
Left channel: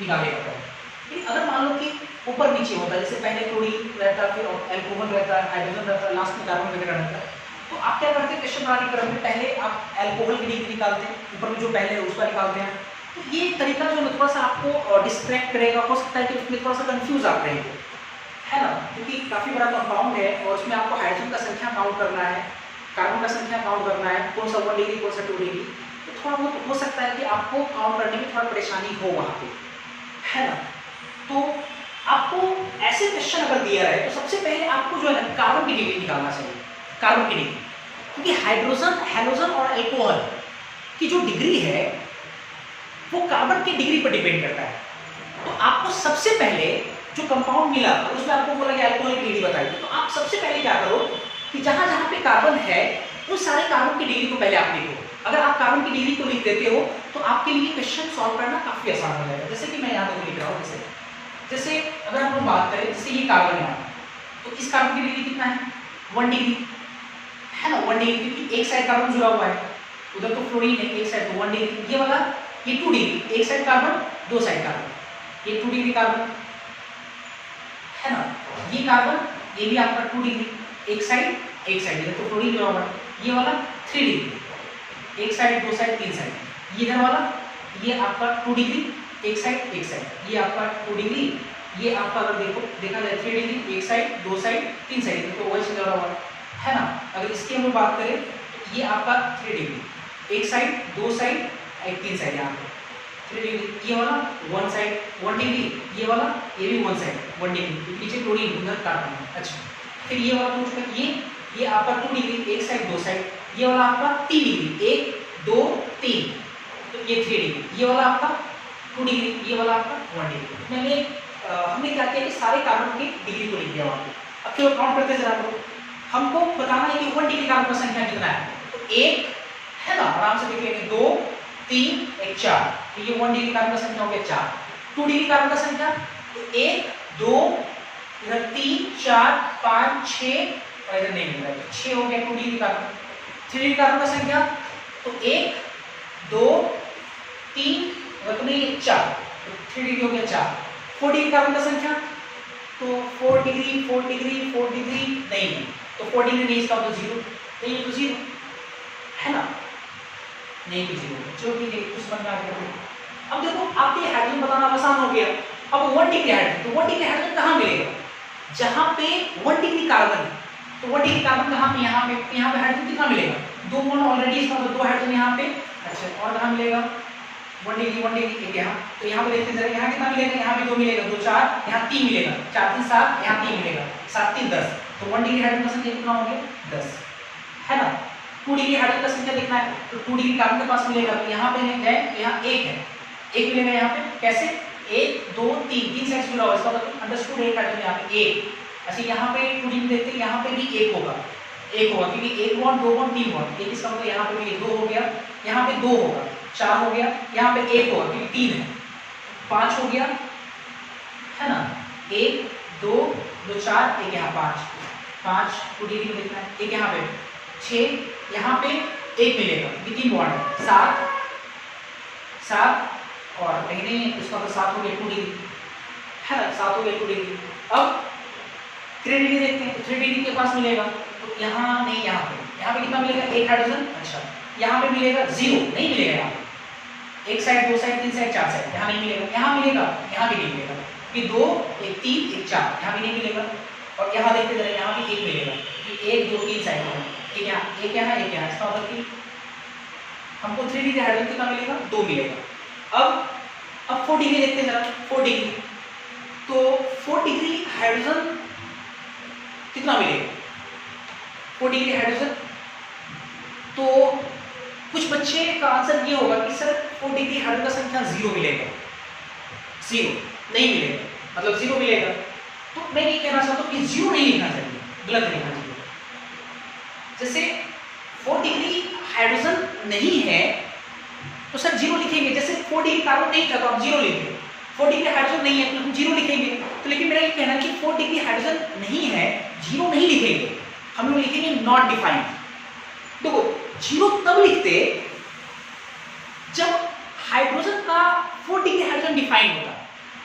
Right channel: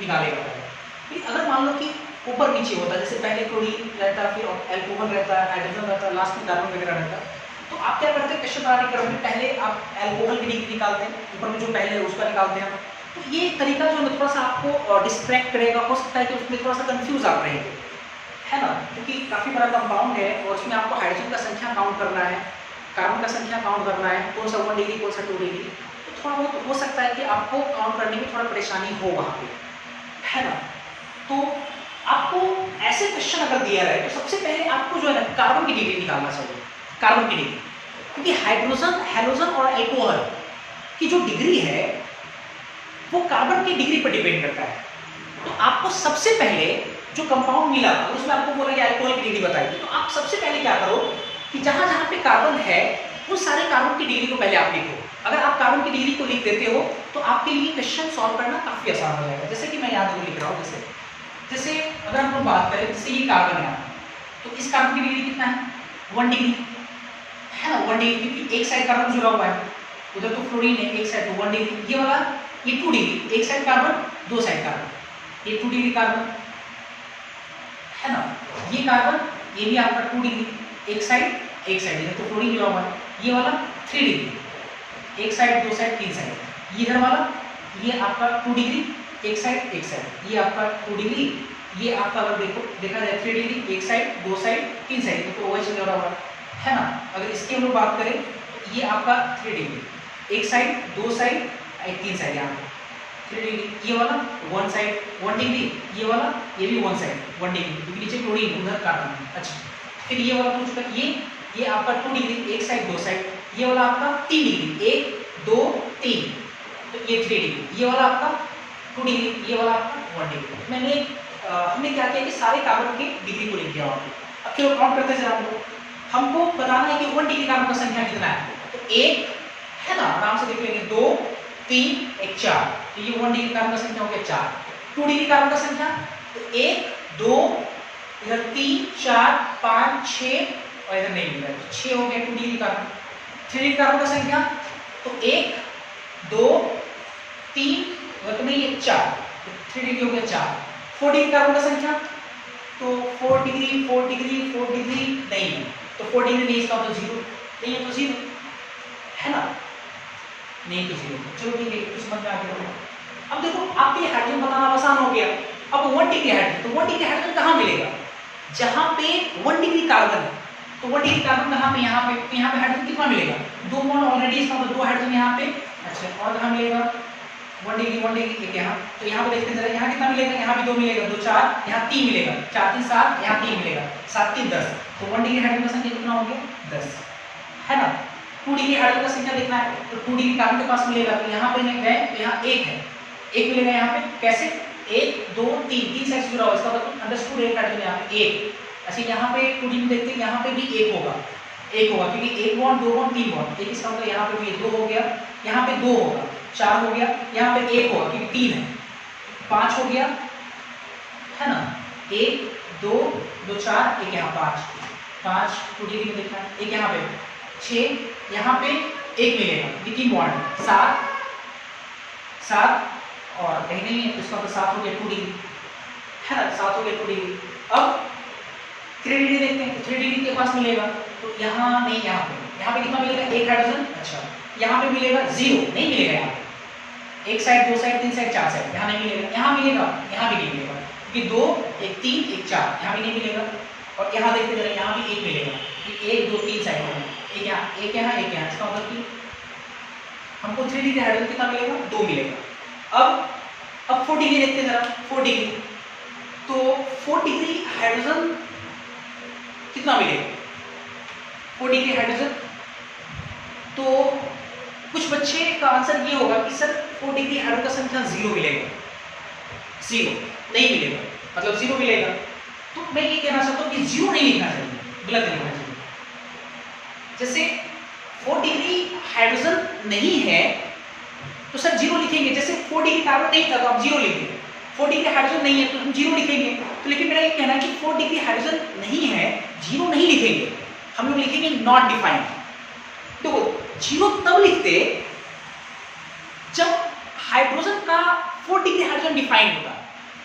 निकालेगा पहले। अगर मान लो कि ऊपर नीचे होता है, जैसे पहले क्लोरीन रहता, फिर अल्कोहल रहता है, हाइड्रोजन रहता है, लास्ट में कार्बन वगैरह रहता है, तो आप क्या करते हैं क्वेश्चन बनाने क्रम में पहले आप अल्कोहल की डिग्री निकालते हैं, ऊपर में जो पहले है उसका निकालते हैं। तो ये तरीका जो है थोड़ा सा आपको डिस्ट्रैक्ट करेगा, हो सकता है कि उसमें थोड़ा सा कंफ्यूज आप रहेंगे, है ना, क्योंकि काफ़ी बड़ा कंपाउंड है और उसमें आपको हाइड्रोजन का संख्या काउंट करना है, कार्बन का संख्या काउंट करना है, कौन सा 1 डिग्री कौन सा 2 डिग्री, तो थोड़ा बहुत हो सकता है कि आपको काउंट करने में थोड़ा परेशानी हो वहाँ पे, है ना। तो आपको ऐसे क्वेश्चन अगर दिया रहे तो सबसे पहले आपको जो है ना कार्बन की डिग्री निकालना चाहिए, कार्बन की डिग्री, क्योंकि हाइड्रोजन, हैलोजन और अल्कोहल की जो डिग्री है वो कार्बन की डिग्री पर डिपेंड करता है। तो आपको सबसे पहले जो कंपाउंड मिला था उसमें आपको बोला कि अल्कोहल की डिग्री बताइए, तो आप सबसे पहले क्या करो कि जहां जहां पे कार्बन है उस सारे कार्बन की डिग्री को पहले आप लिखो। अगर आप कार्बन की डिग्री को लिख देते हो तो आपके लिए क्वेश्चन सॉल्व करना काफी आसान हो जाएगा। जैसे कि मैं यहाँ पर लिख रहा हूँ, जैसे अगर हम बात करें, जैसे ये कार्बन है तो इस कार्बन की डिग्री कितना है, 1 डिग्री, है ना, 1 डिग्री, क्योंकि एक साइड कार्बन जुड़ा हुआ है, उधर तो फ्लोरीन है, एक साइड 1 डिग्री, ये वाला ये 2 डिग्री, एक साइड कार्बन दो साइड कार्बन, ये 2 डिग्री कार्बन, है ना, ये कार्बन ये भी आपका 2 डिग्री, एक साइड इधर तो फ्लोरीन जुड़ा हुआ है, ये वाला 3 डिग्री, एक साइड दो साइड तीन साइड, ये इधर वाला ये आपका 2 डिग्री, एक साइड ये आपका 2 डिग्री, ये आपका अगर देखा जाए 3 डिग्री, एक साइड दो साइड तीन साइड, तो वही जुड़ा हुआ है ना। अगर इसकी हम बात करें तो ये आपका 3 डिग्री, एक साइड दो साइड तीन साइड, यहाँ पे 3 डिग्री, ये वाला 1 साइड 1 डिग्री, ये वाला ये भी 1 साइड 1 डिग्री, नीचे क्लोरीन उधर कार्बन है। अच्छा, फिर ये वाला पूछ रहा है, ये आपका 2 डिग्री, एक साइड दो साइड, ये वाला आपका 3 डिग्री, 1 2 3, तो ये 3 डिग्री, ये वाला आपका 2 डिग्री, ये वाला आपका 1 डिग्री। मैंने हमने क्या किया कि सारे कार्बन की डिग्री को लिख दिया वहाँ पे। अब केवल काउंट करते जरा हमको बताना है कि 1 डिग्री कार्बन का संख्या कितना है, तो 1 है ना, आराम से देख लेंगे, 2 3 1 4, तो ये 1 डिग्री कार्बन का संख्या हो गया 4। 2 डिग्री कार्बन का संख्या तो 1 2 इधर 3 4 5 6 और इधर नहीं मिला, 6 हो गया 2 डिग्री कार्बन। 3 डिग्री कार्बन का संख्या तो 1 2 3 और तो नहीं ये 4, तो 3 डिग्री हो गया 4। 4 डिग्री कार्बन का संख्या तो 4 डिग्री 4 डिग्री 4 डिग्री नहीं है, तो 4 डिग्री नहीं, इसका तो 0 नहीं है, तो 0 है ना, नहीं तो 0। चलो ठीक है, कुछ समझ में आ गया। अब देखो आपके लिए हाइड्रोजन बताना आसान हो गया। अब 1 डिग्री हाइड्रोजन, तो 1 डिग्री हाइड्रोजन कहाँ मिलेगा, जहाँ पे 1 डिग्री कार्बन है, तो 1 डिग्री कार्बन कहाँ पे, यहाँ पे हाइड्रोजन कितना मिलेगा, 2 बॉन्ड ऑलरेडी, इसका तो 2 हाइड्रोजन यहाँ पे। अच्छा, और कहाँ मिलेगा 1 डिग्री एक यहाँ, तो यहाँ पे देखते जरा, यहाँ कितना मिलेगा, यहाँ भी 2 मिलेगा, 2 4, यहाँ 3 मिलेगा, 4 3 7, यहाँ 3 मिलेगा, 7 3 10, तो 1 डिग्री हाइड्रोजन का संख्या कितना हो गया 10, है ना। 2 डिग्री हाइड्रोजन का संख्या देखना है, तो 2 डिग्री कार्बन के पास मिलेगा, तो यहाँ पे गए तो यहाँ 1 है, 1 मिलेगा यहाँ पे, कैसे 1 2 3 साइड जुड़ा हुआ, इसका मतलब अंडरस्टूड 1 हाइड्रोजन यहाँ पे 1। अच्छा, यहाँ पे 2 डिग्री देखते हैं, यहाँ पे भी 1 होगा, क्योंकि 1 बॉन्ड 2 बॉन्ड 3 बॉन्ड, 1 इसका मतलब यहाँ पे भी 2 हो गया, यहाँ पे 2 होगा, 4 हो गया, यहाँ पे 1 होगा क्योंकि 3 है, 5 हो गया, है ना, 1 2 2 4 1 यहाँ 5 2 डिग्री में देखना है, 1 यहाँ पे 6, यहाँ पे 1 मिलेगा, 3 बॉन्ड है, 7 और कहीं नहीं है, इसका तो 7 हो गया 2 डिग्री, है ना, 7 हो गया 2 डिग्री। अब 3 डिग्री देखते हैं, 3 डिग्री के पास मिलेगा, तो यहाँ नहीं, यहाँ पे कितना मिलेगा 1 हाइड्रोजन। अच्छा, यहाँ पे मिलेगा 0 नहीं मिलेगा, यहाँ पे 1 साइड 2 साइड 3 साइड 4 साइड, यहाँ नहीं मिलेगा, यहाँ मिलेगा, यहाँ भी नहीं मिलेगा, क्योंकि 2 1 3 1 4, यहाँ भी नहीं मिलेगा। और यहाँ देखते जरा, यहाँ भी 1 मिलेगा, 1 2 3 साइड में, एक यहाँ, इसका मतलब कि हमको 3 डिग्री हाइड्रोजन कितना मिलेगा 2 मिलेगा। अब अब 4 डिग्री देखते हैं जरा, 4 डिग्री, तो 4 डिग्री हाइड्रोजन कितना मिलेगा? 4 डिग्री हाइड्रोजन, तो कुछ बच्चे का आंसर ये होगा कि सर 4 डिग्री हाइड्रोजन का संख्या 0 मिलेगा, 0 नहीं मिलेगा, मतलब 0 मिलेगा। तो मैं ये कहना चाहता हूँ कि 0 नहीं लिखना चाहिए, गलत लिखना चाहिए। जैसे 4 डिग्री हाइड्रोजन नहीं है तो सर 0 लिखेंगे, जैसे 4 डिग्री कार्बन नहीं था तो आप 0 लिखेंगे, 4 डिग्री हाइड्रोजन नहीं है तो हम 0 लिखेंगे। तो लेकिन मेरा ये कहना है कि 4 डिग्री हाइड्रोजन नहीं है, 0 नहीं लिखेंगे, हम लोग लिखेंगे नॉट डिफाइंड। देखो 0 तब लिखते जब हाइड्रोजन का 4 डिग्री हाइड्रोजन डिफाइंड होता।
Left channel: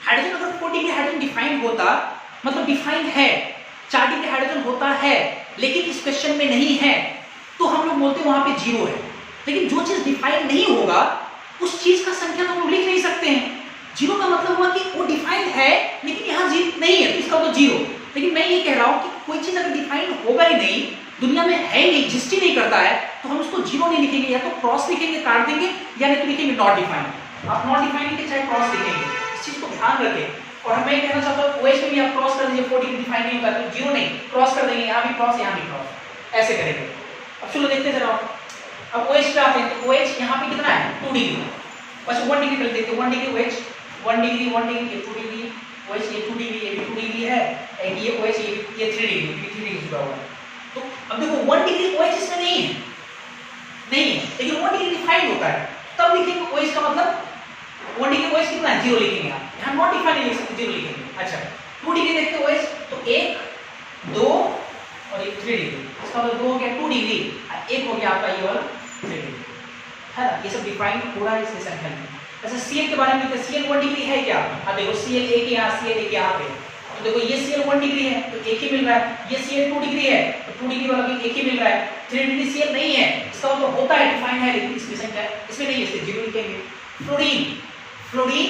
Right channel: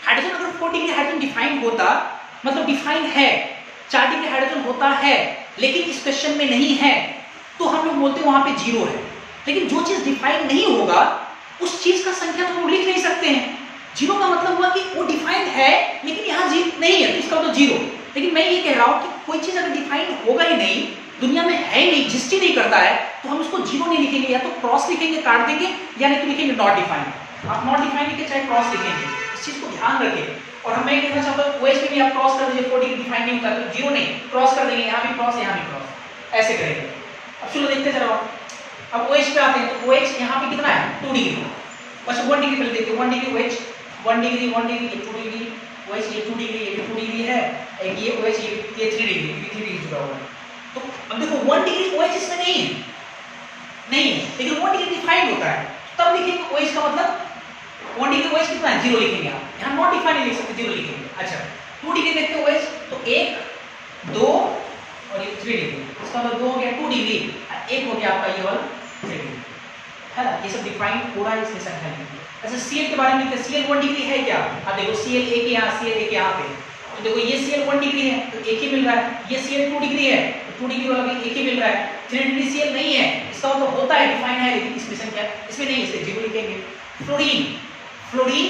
हाइड्रोजन अगर 4 डिग्री हाइड्रोजन डिफाइंड होता, मतलब डिफाइंड है, 4 डिग्री हाइड्रोजन होता है लेकिन इस क्वेश्चन में नहीं है, तो हम लोग बोलते वहां पे 0 है। लेकिन जो चीज डिफाइंड नहीं होगा उस चीज का संख्या तो हम लिख नहीं सकते हैं। 0 का मतलब हुआ कि वो डिफाइंड है लेकिन यहाँ नहीं है, तो इसका मतलब 0। लेकिन मैं ये कह रहा हूँ कि कोई चीज अगर डिफाइंड होगा ही नहीं, दुनिया में है ही नहीं, एग्जिस्ट ही नहीं करता है, तो हम उसको 0 नहीं लिखेंगे, या तो क्रॉस लिखेंगे, काट देंगे, या नहीं तो लिखेंगे नॉट डिफाइंड। आप नॉट डिफाइंड लिखे चाहे क्रॉस लिखेंगे, इस चीज को ध्यान रखें। और हम मैं कहना चाहता हूँ OH में भी आप क्रॉस कर दीजिए, 4 डिग्री डिफाइंड नहीं होता तो 0 नहीं, क्रॉस कर देंगे, यहाँ भी क्रॉस, यहाँ भी क्रॉस, ऐसे करेंगे। अब चलो देखते चलो, अब OH पे आते हैं, तो OH यहाँ पे कितना है 2 डिग्री, बस 1 डिग्री पे देखते हैं, 1 degree OH, 1 degree 2 degree OH, ये 2 डिग्री, ये 2 डिग्री है, एक ये OH, ये 3 डिग्री, 3 डिग्री जुड़ा हुआ है। तो अब देखो 1 डिग्री OH इसमें नहीं है, लेकिन 1 डिग्री डिफाइंड होता है, तब लिखेंगे OH का मतलब 1 डिग्री OH कितना है 0 लिखेंगे आप, यहाँ नॉट डिफाइंड नहीं लिख सकते, 0 लिखेंगे। अच्छा 2 डिग्री देखते हैं OH, तो 1 2 और ये 3 डिग्री, इसका मतलब 2 हो गया 2 डिग्री, और 1 हो गया आपका ये वाला 3 डिग्री, है ना। ये सब डिफाइंड हो रहा है इसकी संख्या में। अच्छा Cl के बारे में देखते हैं, Cl 1 डिग्री है क्या? अब देखो Cl एक यहाँ, Cl एक यहाँ पे, तो देखो ये Cl 1 डिग्री है तो एक ही मिल रहा है, ये Cl 2 डिग्री है तो 2 डिग्री वाला भी एक ही मिल रहा है, 3 डिग्री Cl नहीं है, इसका मतलब होता है डिफाइंड है, लेकिन इसकी संख्या इसमें नहीं है, इसलिए 0 लिखेंगे। फ्लोरीन, फ्लोरीन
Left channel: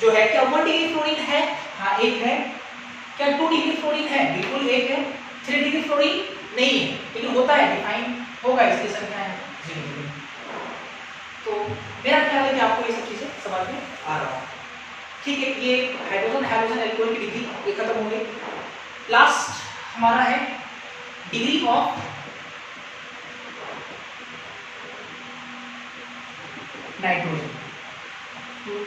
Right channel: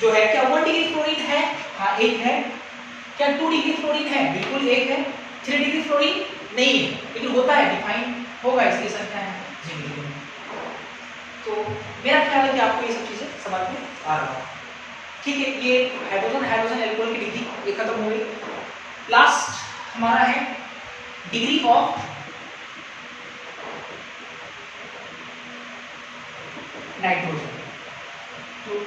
जो है क्या 1 डिग्री फ्लोरीन है? हाँ एक है। क्या 2 डिग्री फ्लोरीन है? बिल्कुल एक है। 3 डिग्री फ्लोरीन नहीं है, लेकिन होता है डिफाइंड होगा, इसकी संख्या है 0 डिग्री। तो मेरा ख्याल है कि आपको ये सब चीजें समझ में आ रहा है, ठीक है। ये हाइड्रोजन एल्कोहल की डिग्री ये खत्म हो गई। लास्ट हमारा है डिग्री ऑफ नाइट्रोजन। तो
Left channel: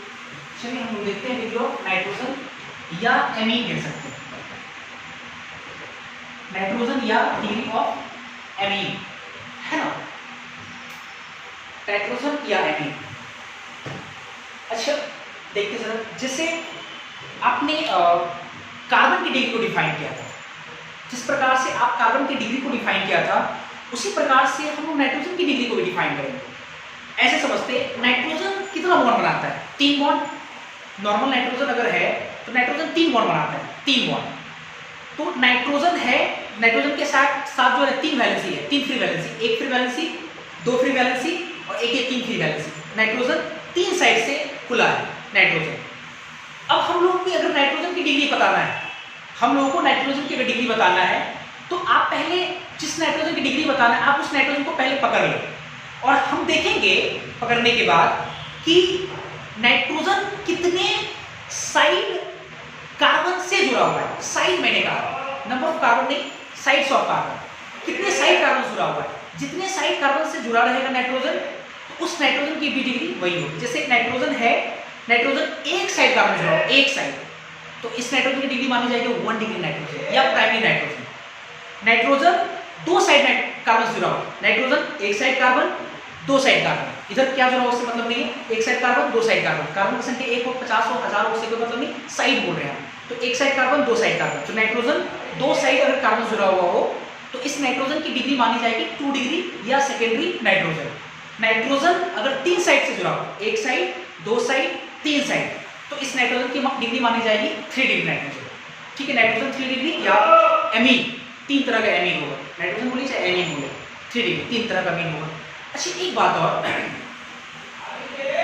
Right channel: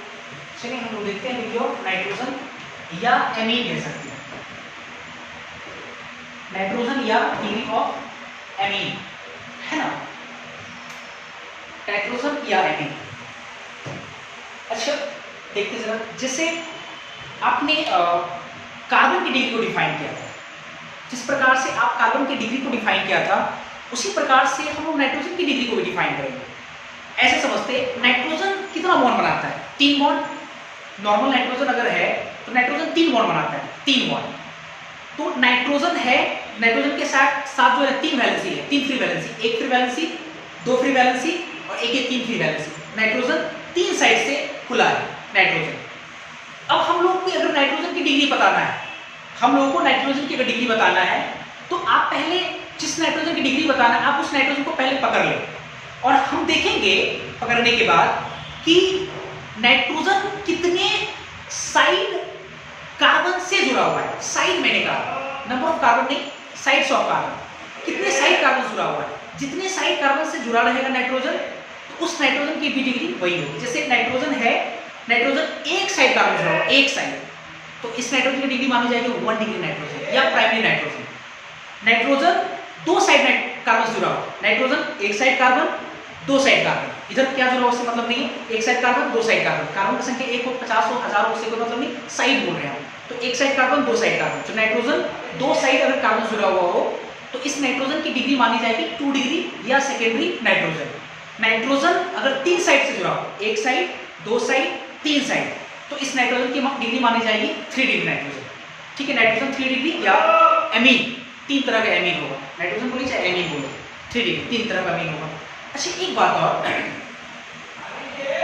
चलिए हम लोग देखते हैं डिग्री ऑफ नाइट्रोजन या एमीन कह सकते हैं, नाइट्रोजन या डिग्री ऑफ एमीन, है ना, नाइट्रोजन या एमीन। अच्छा देखते जरा, जैसे आपने कार्बन की डिग्री को डिफाइन किया था, जिस प्रकार से आप कार्बन की डिग्री को डिफाइन किया था उसी प्रकार से हम लोग नाइट्रोजन की डिग्री को भी डिफाइन करेंगे। ऐसे समझते नाइट्रोजन कितना बॉन्ड बनाता है? 3 बॉन्ड। नॉर्मल नाइट्रोजन अगर है तो नाइट्रोजन 3 बॉन्ड बनाता है, 3 बॉन्ड। तो नाइट्रोजन है, नाइट्रोजन के साथ जो है 3 वैलेंसी है, 3 free valency, 1 free valency, 2 free valency और 3 फ्री वैलेंसी। नाइट्रोजन 3 साइड से खुला है नाइट्रोजन। अब हम लोग को अगर नाइट्रोजन की डिग्री बताना है, हम लोगों को नाइट्रोजन की अगर डिग्री बताना है तो आप पहले जिस नाइट्रोजन की डिग्री बताना है आप उस नाइट्रोजन को पहले पकड़ लें, और हम देखेंगे पकड़ने के बाद कि नाइट्रोजन कितने साइड कार्बन से जुड़ा हुआ है। साइड मैंने कहा, नंबर ऑफ कार्बन नहीं, साइड्स ऑफ कार्बन, कितने साइड कार्बन जुड़ा हुआ है। जितने साइड कार्बन से जुड़ा रहेगा नाइट्रोजन तो उस नाइट्रोजन की भी डिग्री वही होगी। जैसे नाइट्रोजन है, नाइट्रोजन एक साइड कार्बन जुड़ा हुआ, एक साइड, तो इस नाइट्रोजन की डिग्री मानी जाएगी 1 डिग्री नाइट्रोजन या primary nitrogen. Nitrogen 2 side carbon जुड़ा हुआ, नाइट्रोजन एक साइड कार्बन 2 साइड कार्बन, इधर क्या जुड़ा हुआ उससे मतलब नहीं है, एक side carbon 2 side carbon, carbon की संख्या 1 हो 50 हो 1000 हो उससे कोई मतलब नहीं, साइड बोल रहे हैं हम, तो एक साइड कार्बन 2 साइड कार्बन। तो नाइट्रोजन 2 साइड अगर कार्बन जुड़ा हुआ हो तो इस नाइट्रोजन की डिग्री मानी जाएगी 2 डिग्री या सेकेंडरी नाइट्रोजन। नाइट्रोजन अगर 3 साइड से जुड़ा हो, एक साइड 2 साइड 3 साइड, तो इस नाइट्रोजन की डिग्री मानी जाएगी 3 डिग्री नाइट्रोजन, ठीक है। नाइट्रोजन 3 डिग्री या एमीन, 3 तरह का एमीन होगा, नाइट्रोजन बोलिए चाहे एमीन बोलो, 3 डिग्री 3 तरह का एमीन होगा। अच्छा एक बात और,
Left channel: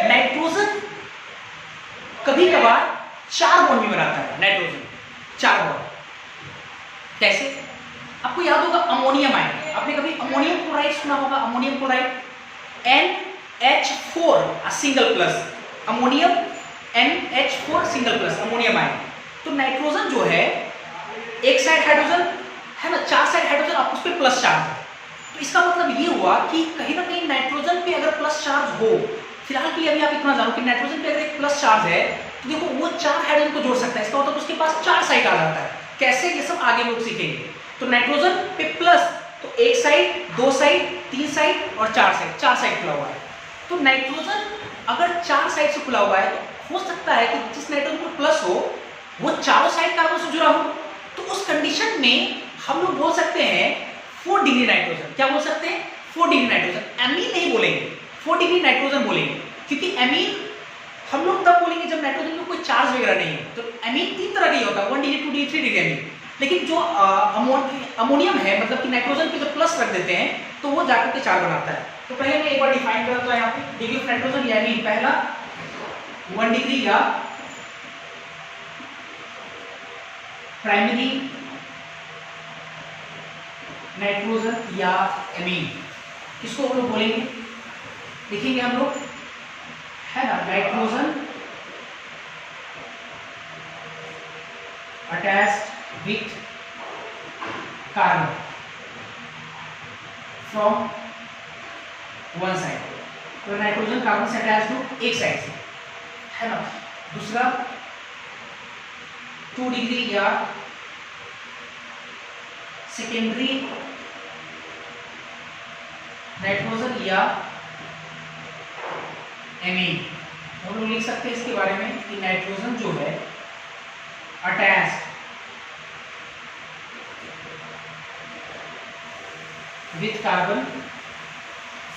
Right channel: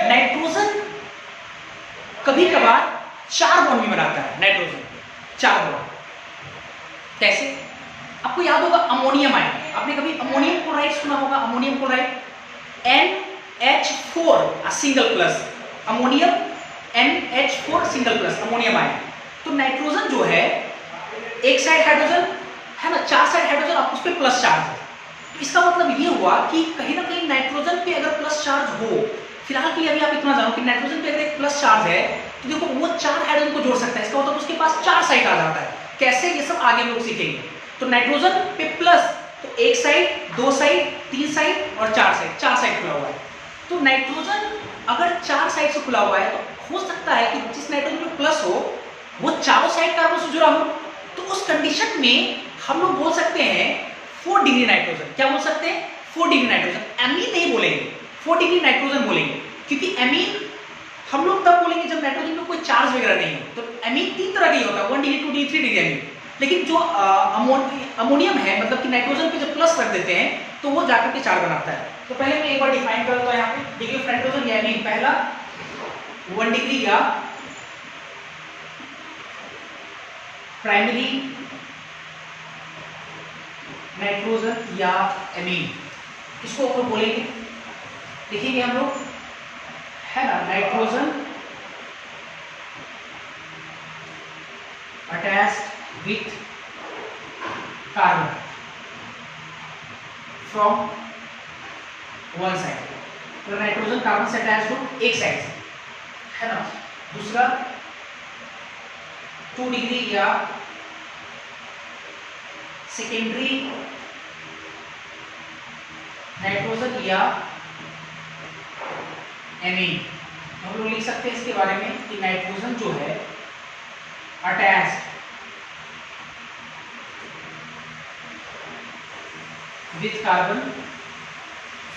नाइट्रोजन कभी कभार 4 बॉन्ड भी बनाता है, नाइट्रोजन 4 बॉन्ड। कैसे? आपको याद होगा अमोनियम आयन, आपने कभी अमोनियम क्लोराइड सुना होगा, ammonium chloride NH4 single plus, ammonium NH4 single plus ammonium ion. तो नाइट्रोजन जो है एक साइड हाइड्रोजन है ना, 4 साइड हाइड्रोजन, आप उस पर प्लस चार्ज है। तो इसका मतलब ये हुआ कि कहीं ना कहीं नाइट्रोजन पे अगर प्लस चार्ज हो, फिलहाल के लिए अभी आप इतना जानो कि नाइट्रोजन पे अगर एक प्लस चार्ज है तो देखो वो 4 हाइड्रोजन को जोड़ सकता है, इसका मतलब उसके पास 4 साइड आ जाता है। कैसे, ये सब आगे हम लोग सीखेंगे। तो नाइट्रोजन पे प्लस, तो एक साइड, 2 साइड, 3 साइड और 4 साइड, 4 साइड खुला हुआ है। तो नाइट्रोजन अगर 4 साइड से खुला हुआ है तो हो सकता है कि जिस नाइट्रोजन पे प्लस हो वो चारों साइड कार्बन से जुड़ा हो। तो उस कंडीशन में हम लोग बोल सकते हैं 4 डिग्री नाइट्रोजन। क्या बोल सकते हैं? 4 डिग्री नाइट्रोजन। एमीन नहीं बोलेंगे, 4 डिग्री नाइट्रोजन बोलेंगे, क्योंकि एमीन हम लोग तब बोलेंगे जब नाइट्रोजन में कोई चार्ज वगैरह नहीं हो। तो एमीन 3 तरह का ही होता है, 1 डिग्री, 2 डिग्री, 3 डिग्री एमीन। लेकिन जो अमोनियम है, मतलब कि नाइट्रोजन पे जब प्लस रख देते हैं तो वो जाकर के 4 बनाता है। तो पहले मैं एक बार डिफाइन कर देता हूं यहाँ पे डिग्री ऑफ नाइट्रोजन या एमीन। पहला 1 डिग्री या प्राइमरी नाइट्रोजन या एमीन, इसको हम लोग बोलेंगे, लिखेंगे हम लोग, है ना, nitrogen attached with carbon from one side. तो नाइट्रोजन कार्बन से अटैच हो एक साइड से, है ना। दूसरा 2 डिग्री या सेकेंडरी नाइट्रोजन या एमीन। हम लोग लिख सकते हैं इसके बारे में कि नाइट्रोजन जो है अटैच्ड विथ कार्बन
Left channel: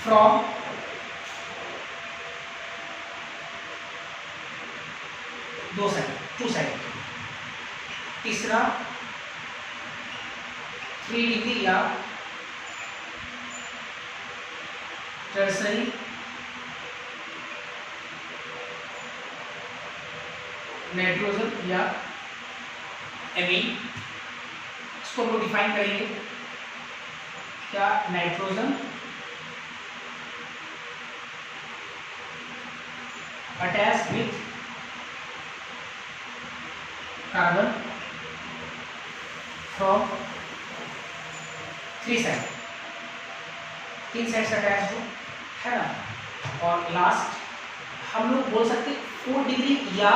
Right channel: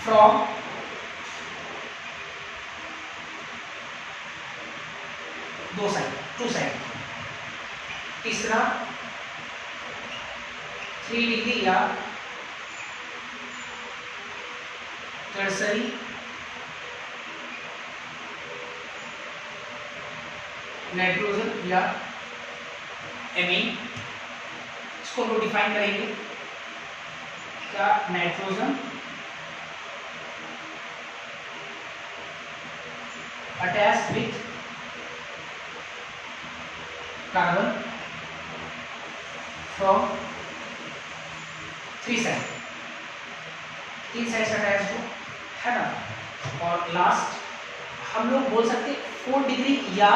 फ्रॉम दो साइड, 2 साइड। तीसरा 3 डिग्री या टर्सरी नाइट्रोजन या एमीन। इसको हम लोग डिफाइन करेंगे, क्या, nitrogen attach with carbon from 3 side, 3 side से अटैच हो, है ना। और लास्ट हम लोग बोल सकते 4 डिग्री या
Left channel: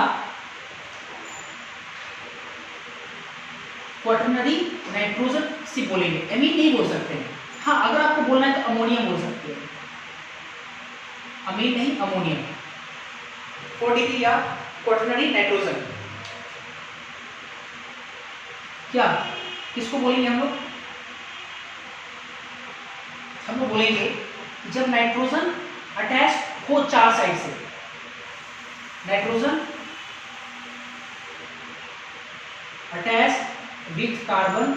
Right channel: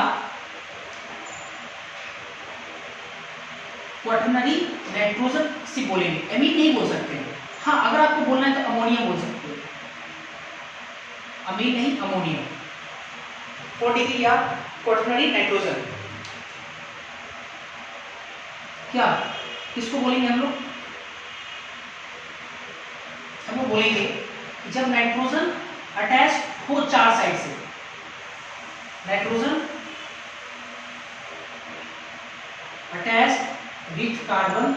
क्वाटरनरी नाइट्रोजन से बोलेंगे, एमीन नहीं बोल सकते हैं। हाँ, अगर आपको बोलना है तो अमोनियम बोल सकते हैं, अमीन नहीं, अमोनियम। 4 डिग्री या क्वाटरनरी नाइट्रोजन, क्या, किसको बोलेंगे हम लोग? हम लोग बोलेंगे जब नाइट्रोजन अटैच हो 4 साइड से, nitrogen attach with carbon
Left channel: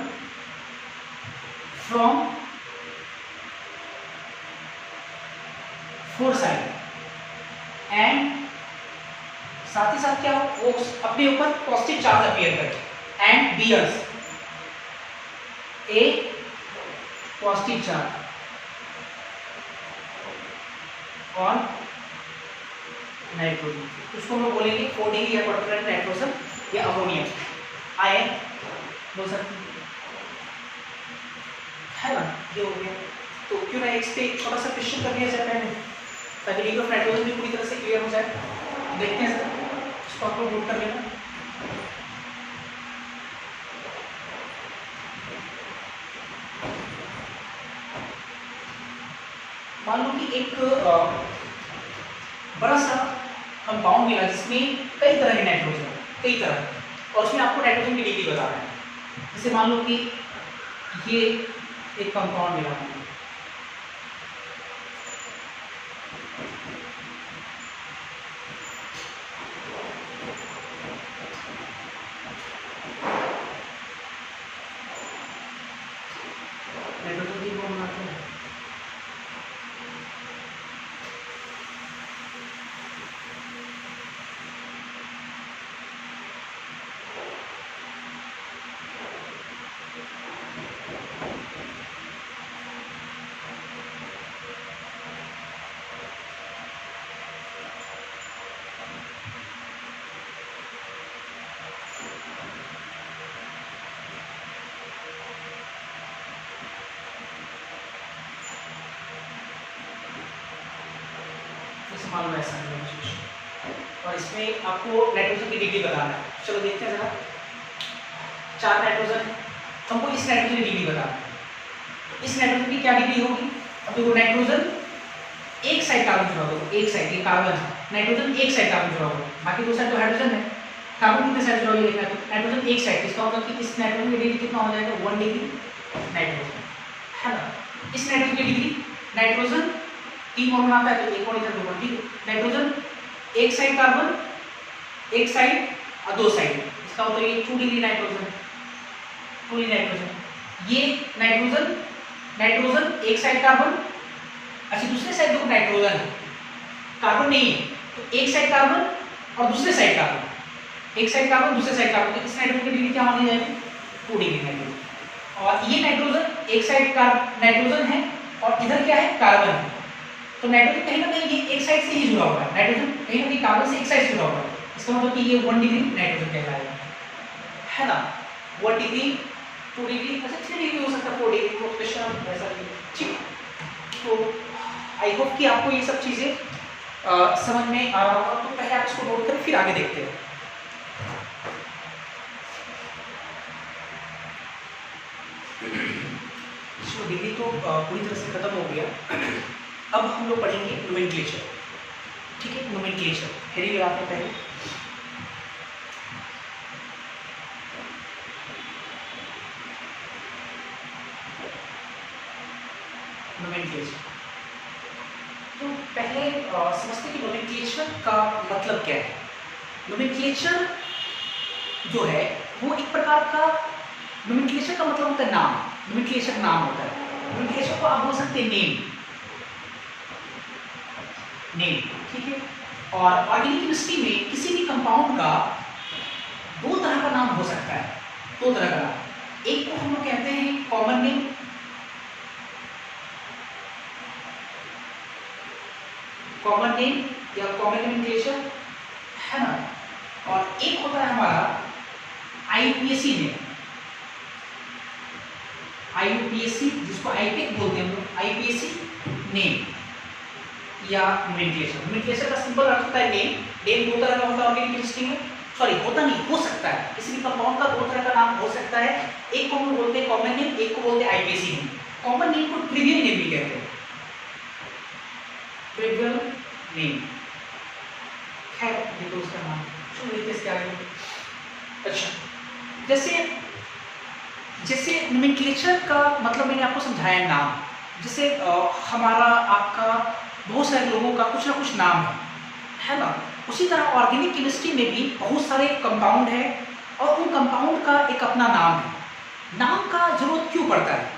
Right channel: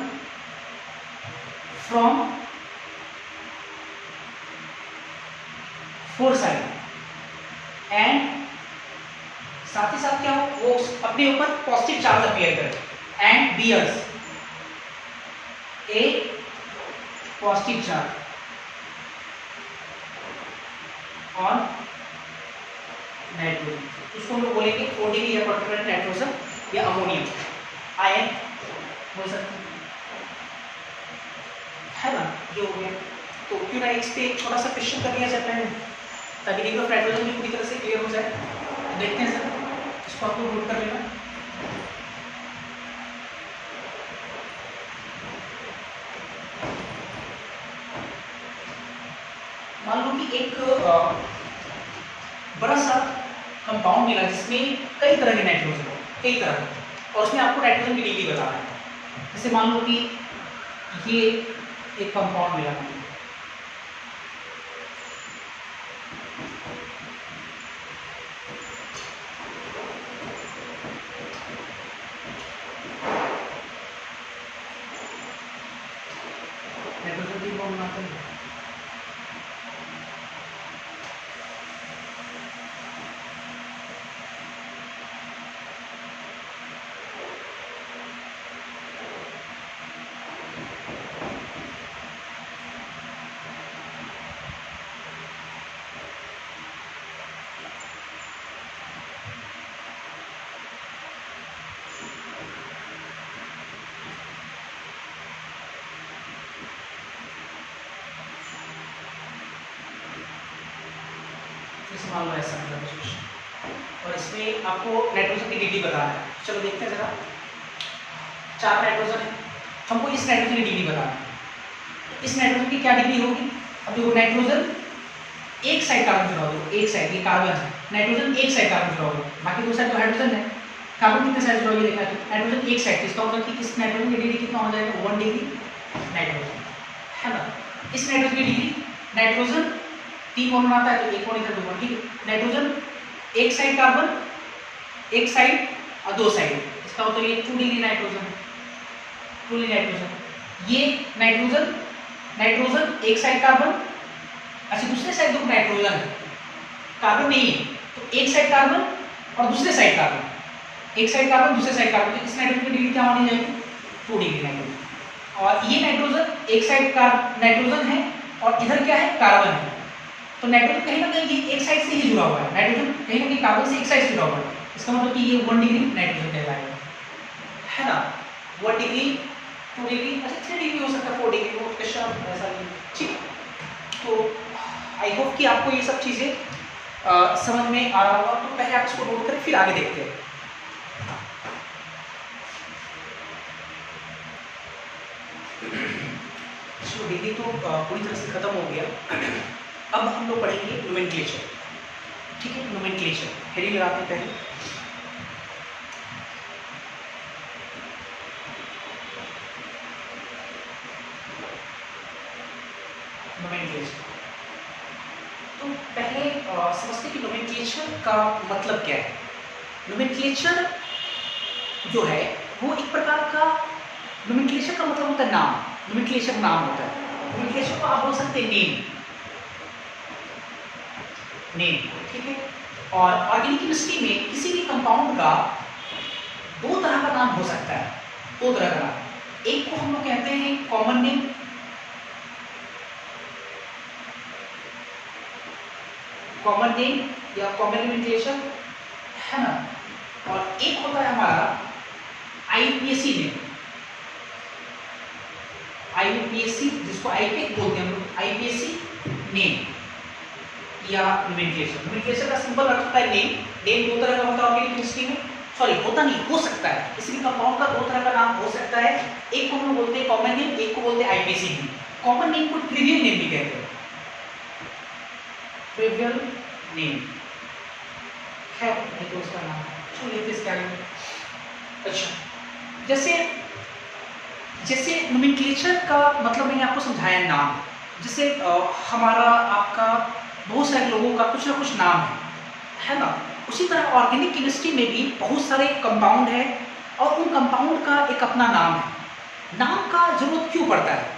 from 4 side and साथ ही साथ क्या हो, वो अपने ऊपर पॉजिटिव चार्ज अपीयर करे and bears a positive charge on nitrogen. उसको हम लोग बोलेंगे 4 डिग्री या क्वाटरनरी नाइट्रोजन या अमोनियम आयन बोल सकते है ना। जो हो गया, तो क्यों ना इस पे थोड़ा सा क्वेश्चन कर लिया जाए पहले, ताकि डिग्री ऑफ नाइट्रोजन भी पूरी तरह से क्लियर हो जाए। देखते हैं सर, इसको आपको नोट कर लेना। मान लो कि एक बड़ा सा कंपाउंड मिला जिसमें कई तरह के नाइट्रोजन हो, कई तरह, और उसमें आपको नाइट्रोजन की डिग्री बताना है। जैसे मान लो कि ये एक कंपाउंड मिला हमें, नाइट्रोजन की बॉम्ब बनाते हैं। मान लो ऐसा कुछ, और इसमें आपको नाइट्रोजन की डिग्री बताना है। चलो देखते हैं जरा, 4 नाइट्रोजन है, हमको इस नाइट्रोजन की डिग्री बताना है। तो इस नाइट्रोजन की क्या डिग्री होगी? अब देखो नाइट्रोजन एक साइड कार्बन जुड़ा होगा, एक साइड ये कार्बन है, नाइट्रोजन एक साइड कार्बन जुड़ा होगा, बाकी 2 साइड तो हाइड्रोजन है। कार्बन कितने साइड जुड़ा होगी देखना है, नाइट्रोजन एक साइड, इसका मतलब कि इस नाइट्रोजन की डिग्री कितना हो जाएगा? 1 डिग्री नाइट्रोजन, है ना। इस नाइट्रोजन की डिग्री, नाइट्रोजन 3 मोल बनाता है तो 1 मोल इधर 2 मोल, ठीक है। नाइट्रोजन एक साइड कार्बन, एक साइड और 2 साइड, इसका मतलब ये 2 डिग्री नाइट्रोजन, 2 डिग्री नाइट्रोजन। ये नाइट्रोजन, नाइट्रोजन एक साइड कार्बन, अच्छा दूसरे साइड 2 नाइट्रोजन है, कार्बन नहीं है, तो एक साइड कार्बन और दूसरे साइड कार्बन, एक साइड कार्बन दूसरे साइड कार्बन, तो इस नाइट्रोजन की डिग्री क्या होनी चाहिए? 2 डिग्री नाइट्रोजन। और ये नाइट्रोजन एक साइड नाइट्रोजन है और इधर क्या है? कार्बन है, तो नाइट्रोजन कहीं ना कहीं ये एक साइड से ही जुड़ा हुआ है, नाइट्रोजन कहीं ना कहीं कार्बन से एक साइड से जुड़ा हुआ है, इसका मतलब कि ये 1 डिग्री नाइट्रोजन कहलाएगा, है ना। 1 डिग्री, 2 डिग्री, अच्छा 3 डिग्री हो सकता है, 4 डिग्री, वो क्वेश्चन ऐसा नहीं, ठीक। तो आई होप कि आपको ये सब चीज़ें समझ में आ रहा होगा। तो पहले आप इसको नोट करें, फिर आगे देखते हैं। चलो डिग्री तो पूरी तरह से खत्म हो गया। अब हम लोग पढ़ेंगे नोमेनक्लेचर, ठीक है। नोमेनक्लेचर हेडिंग लगाते हैं पहले। नोमेनक्लेचर, तो पहले समझते हैं कि नोमेनक्लेचर का मतलब क्या है। नोमेनक्लेचर जो है वो एक प्रकार का, नोमेनक्लेचर का मतलब होता है नाम, नोमेनक्लेचर नाम होता है। नोमेनक्लेचर को आप बोल सकते हैं नेम, नेम, ठीक है। और ऑर्गेनिक केमिस्ट्री में किसी भी कंपाउंड का 2 तरह का नाम हो सकता है, 2 तरह का नाम। एक को हम लोग कहते हैं कॉमन नेम, कॉमन नेम या कॉमन नोमेनक्लेचर, है ना। और एक होता है हमारा आईयूपीएसी नेम, आईयूपीएसी जिसको आईपीएक बोलते हैं हम लोग, आईपीएसी नेम या नोमेनक्लेचर। नोमेनक्लेचर का सिंपल अर्थ होता है नेम। नेम 2 तरह का होता है ऑर्गेनिक केमिस्ट्री में, सॉरी होता नहीं, हो सकता है, किसी भी कंपाउंड का 2 तरह का नाम हो सकता है। एक को हम लोग बोलते हैं कॉमन नेम, एक को बोलते हैं आईपीएसी नेम। कॉमन नेम को ट्रिवियल नेम भी कहते हैं, ट्रिवियल नेम, खैर ये तो उसका नाम छोड़ लेते इसके आगे। अच्छा, जैसे नोमेनक्लेचर का मतलब मैंने आपको समझाया नाम, जैसे हमारा आपका बहुत सारे लोगों का कुछ ना कुछ नाम है ना। उसी तरह ऑर्गेनिक केमिस्ट्री में भी बहुत सारे कंपाउंड है और उन कंपाउंड का एक अपना नाम है। नाम का जरूरत क्यों पड़ता है?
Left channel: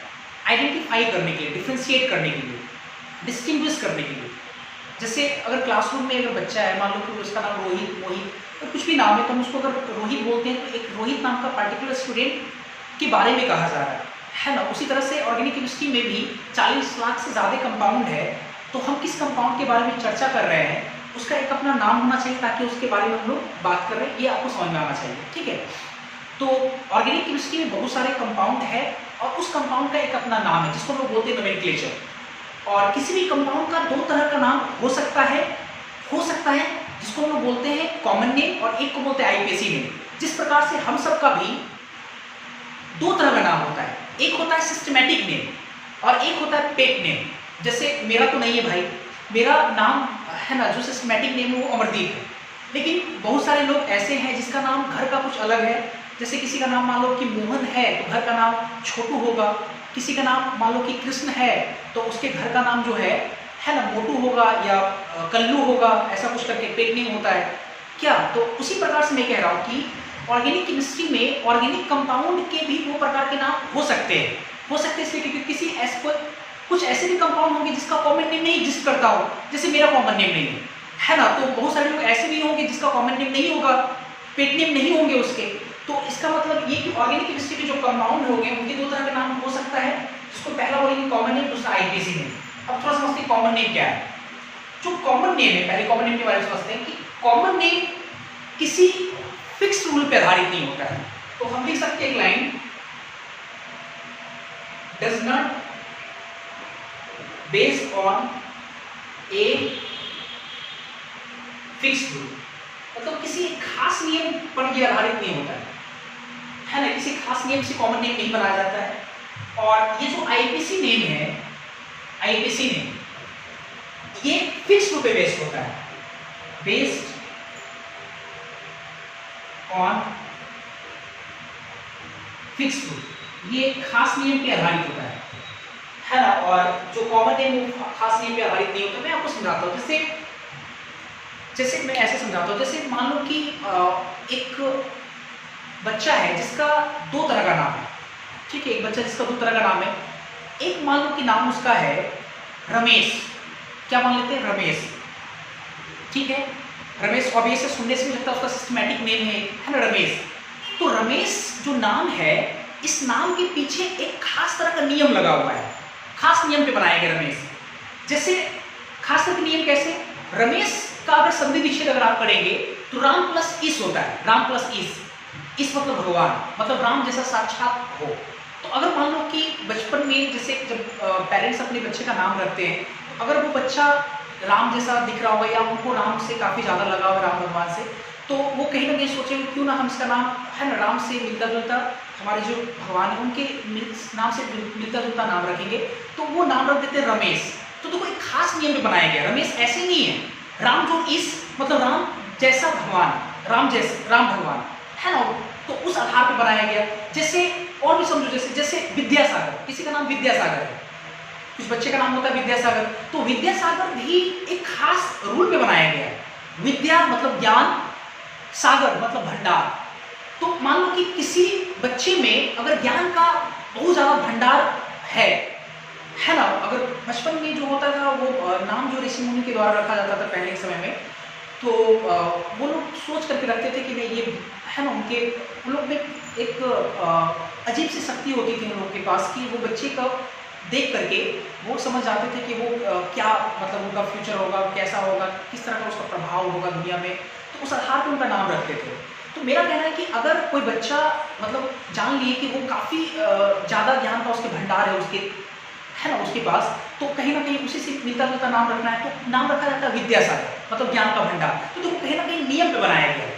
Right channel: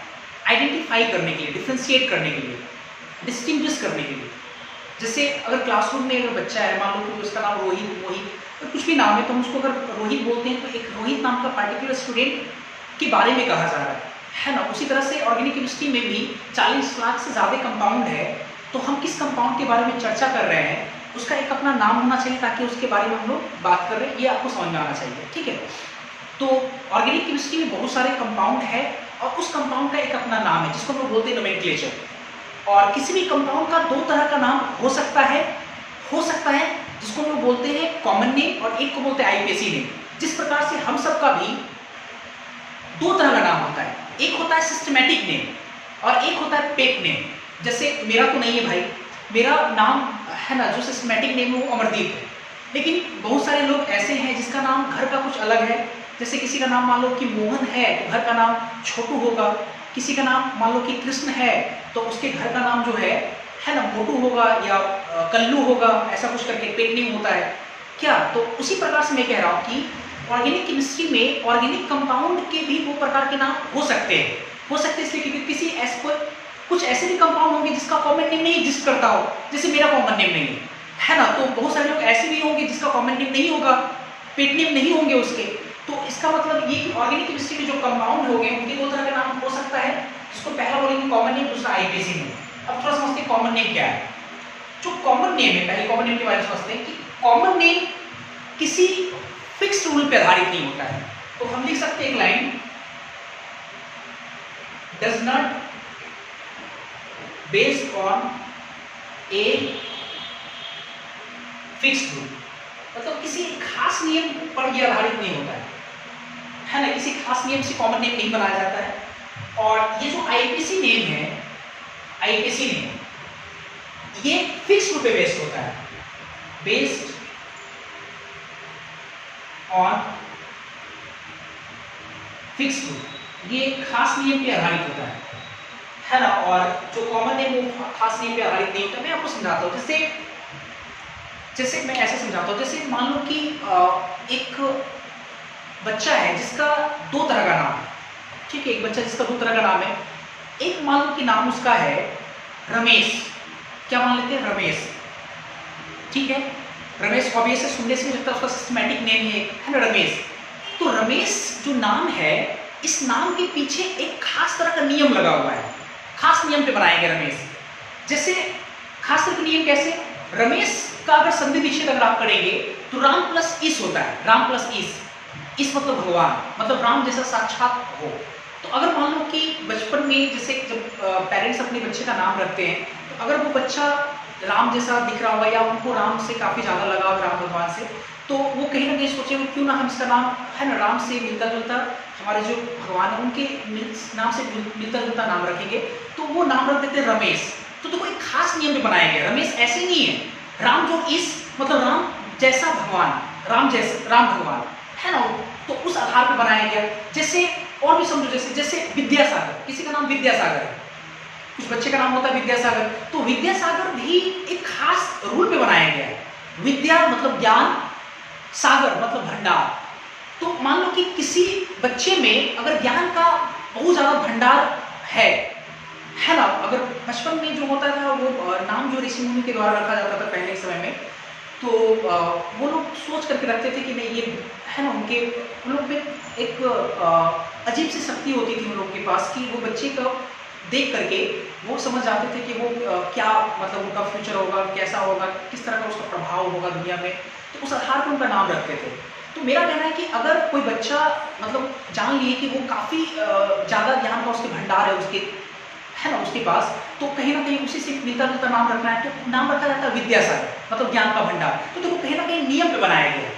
आइडेंटिफाई करने के लिए, डिफ्रेंशिएट करने के लिए, डिस्टिंग्विश करने के लिए। जैसे अगर क्लासरूम में अगर बच्चा है, मान लो कि उसका नाम रोहित, मोहित, तो कुछ भी नाम है, तो हम उसको अगर रोहित बोलते हैं तो एक रोहित नाम का पर्टिकुलर स्टूडेंट के बारे में कहा जा रहा है ना। उसी तरह से ऑर्गेनिक केमिस्ट्री में भी 40 लाख से ज़्यादा कंपाउंड है, तो हम किस कंपाउंड के बारे में चर्चा कर रहे हैं उसका एक अपना नाम होना चाहिए, ताकि उसके बारे में हम लोग बात कर रहे हैं, ये आपको समझ में आना चाहिए, ठीक है। तो ऑर्गेनिक केमिस्ट्री में बहुत सारे कंपाउंड है और उस कंपाउंड का एक अपना नाम है जिसको हम लोग बोलते हैं नोमेनक्लेचर। और किसी भी कंपाउंड का 2 तरह का नाम हो सकता है जिसको हम लोग बोलते हैं कॉमन नेम और एक को बोलते हैं आईपीएसी नेम। जिस प्रकार से हम सबका भी 2 तरह का नाम होता है, एक होता है सिस्टमैटिक नेम और एक होता है पेट नेम। जैसे मेरा तो नहीं है भाई, मेरा नाम है ना जो सिस्टमैटिक नेम है वो अमरदीप है, लेकिन बहुत सारे लोग ऐसे हैं जिसका नाम घर का कुछ अलग है। जैसे किसी का नाम मान लो कि मोहन है तो घर का नाम छोटू होगा, किसी का नाम मान लो कि कृष्ण है तो उसके घर का नाम जो है ना मोटू होगा या कल्लू होगा, ऐसा कुछ करके पेट नेम होता है क्या। तो उसी प्रकार से मैं कह रहा हूँ कि ऑर्गेनिक केमिस्ट्री में ऑर्गेनिक कंपाउंड के भी 2 प्रकार के नाम हो सकते हैं इसलिए क्योंकि कुछ ऐसे भी कंपाउंड होंगे जिसका कॉमन नेम नहीं एग्जिस्ट करता हो, जैसे मेरा कॉमन नेम नहीं है ना। तो बहुत सारे लोग ऐसे भी होंगे जिसका कॉमन नेम नहीं होगा, पेट नेम नहीं होंगे उसके। तो इसका मतलब ये कि ऑर्गेनिक केमिस्ट्री के जो कंपाउंड होंगे उनके 2 तरह का नाम हो सकता है, जिसको पहला बोलेंगे कॉमन नेम, दूसरा आईपीएसी नेम। अब थोड़ा समझते हैं कॉमन नेम क्या है। जो कॉमन नेम है, पहले कॉमन नेम के बारे में समझते हैं कि कॉमन नेम किसी फिक्स रूल पे आधारित नहीं होता है। तो हम लिख सकते हैं एक line, does not based on a fixed rule, मतलब किसी खास नियम पर ये आधारित नहीं होता है ना, किसी खास नियम से कॉमन नेम नहीं बनाया जाता है। और ये जो आईपीसी नेम है, आईपीसी नेम ये फिक्स रूल पे बेस्ड होता है, बेस्ड ऑन फिक्स रूल, ये खास नियम पे आधारित होता है ना। और जो कॉमन नेम खास नियम पे आधारित नहीं होता। मैं आपको समझाता हूँ, जैसे मैं ऐसे समझाता हूँ, जैसे मान लो कि एक बच्चा है जिसका दो तरह का नाम है, ठीक है, एक बच्चा जिसका दो तरह का नाम है। एक मान लो कि नाम उसका है रमेश, क्या मान लेते हैं, रमेश, ठीक है, रमेश ऑब्वियस है, सुनने से भी लगता है उसका सिस्टमैटिक नेम है ना, रमेश। तो रमेश जो नाम है, इस नाम के पीछे एक खास तरह का नियम लगा हुआ है, खास नियम पे बनाया गया रमेश। जैसे खास तरह के नियम कैसे, रमेश का अगर संधि विच्छेद अगर आप करेंगे तो राम प्लस ईश होता है, राम प्लस ईश मतलब भगवान, मतलब राम जैसा साक्षात हो। तो अगर मान लो कि बचपन में जैसे जब पेरेंट्स अपने बच्चे का नाम रखते हैं, तो अगर वो बच्चा राम जैसा दिख रहा होगा या उनको राम से काफ़ी ज़्यादा लगाव है, राम भगवान से, तो वो कहीं ना कहीं सोचेंगे क्यों ना हम इसका नाम है ना राम से मिलता जुलता, हमारे जो भगवान है उनके नाम से मिलता जुलता नाम रखेंगे, तो वो नाम रख देते हैं रमेश। तो देखो एक खास नियम पे बनाया गया, रमेश ऐसे नहीं है, राम जो इस मतलब राम जैसा भगवान, राम जैसे राम भगवान है ना, तो उस आधार पे बनाया गया। जैसे और भी समझो, जैसे विद्यासागर, किसी का नाम विद्यासागर है, कुछ बच्चे का नाम होता है विद्यासागर, तो विद्यासागर भी एक खास रूल पे बनाया गया है। विद्या मतलब ज्ञान, सागर मतलब भंडार। तो मान लो कि किसी बच्चे में अगर ज्ञान का बहुत ज्यादा भंडार है ना, अगर बचपन में जो होता था वो नाम जो ऋषि मुनि के द्वारा रखा जाता था पहले के समय में, तो वो लोग सोच करके रखते थे कि नहीं ये है ना, उन लोग में एक अजीब सी शक्ति होती थी उन लोग के पास कि वो बच्चे का देख करके वो समझ जाते थे कि वो क्या मतलब उनका फ्यूचर होगा, कैसा होगा, किस तरह का उसका प्रभाव होगा दुनिया में, तो उस आधार पर उनका नाम रखते थे। तो मेरा कहना है कि अगर कोई बच्चा मतलब जान लिए कि वो काफ़ी ज़्यादा ज्ञान का उसके भंडार है उसके, है ना, उसके पास, तो कहीं ना कहीं उसी से मिलता जुलता नाम रखना है, तो नाम रखा जाता है विद्यासागर, मतलब ज्ञान का भंडार। तो देखो कहीं ना कहीं नियम पे बनाया गया,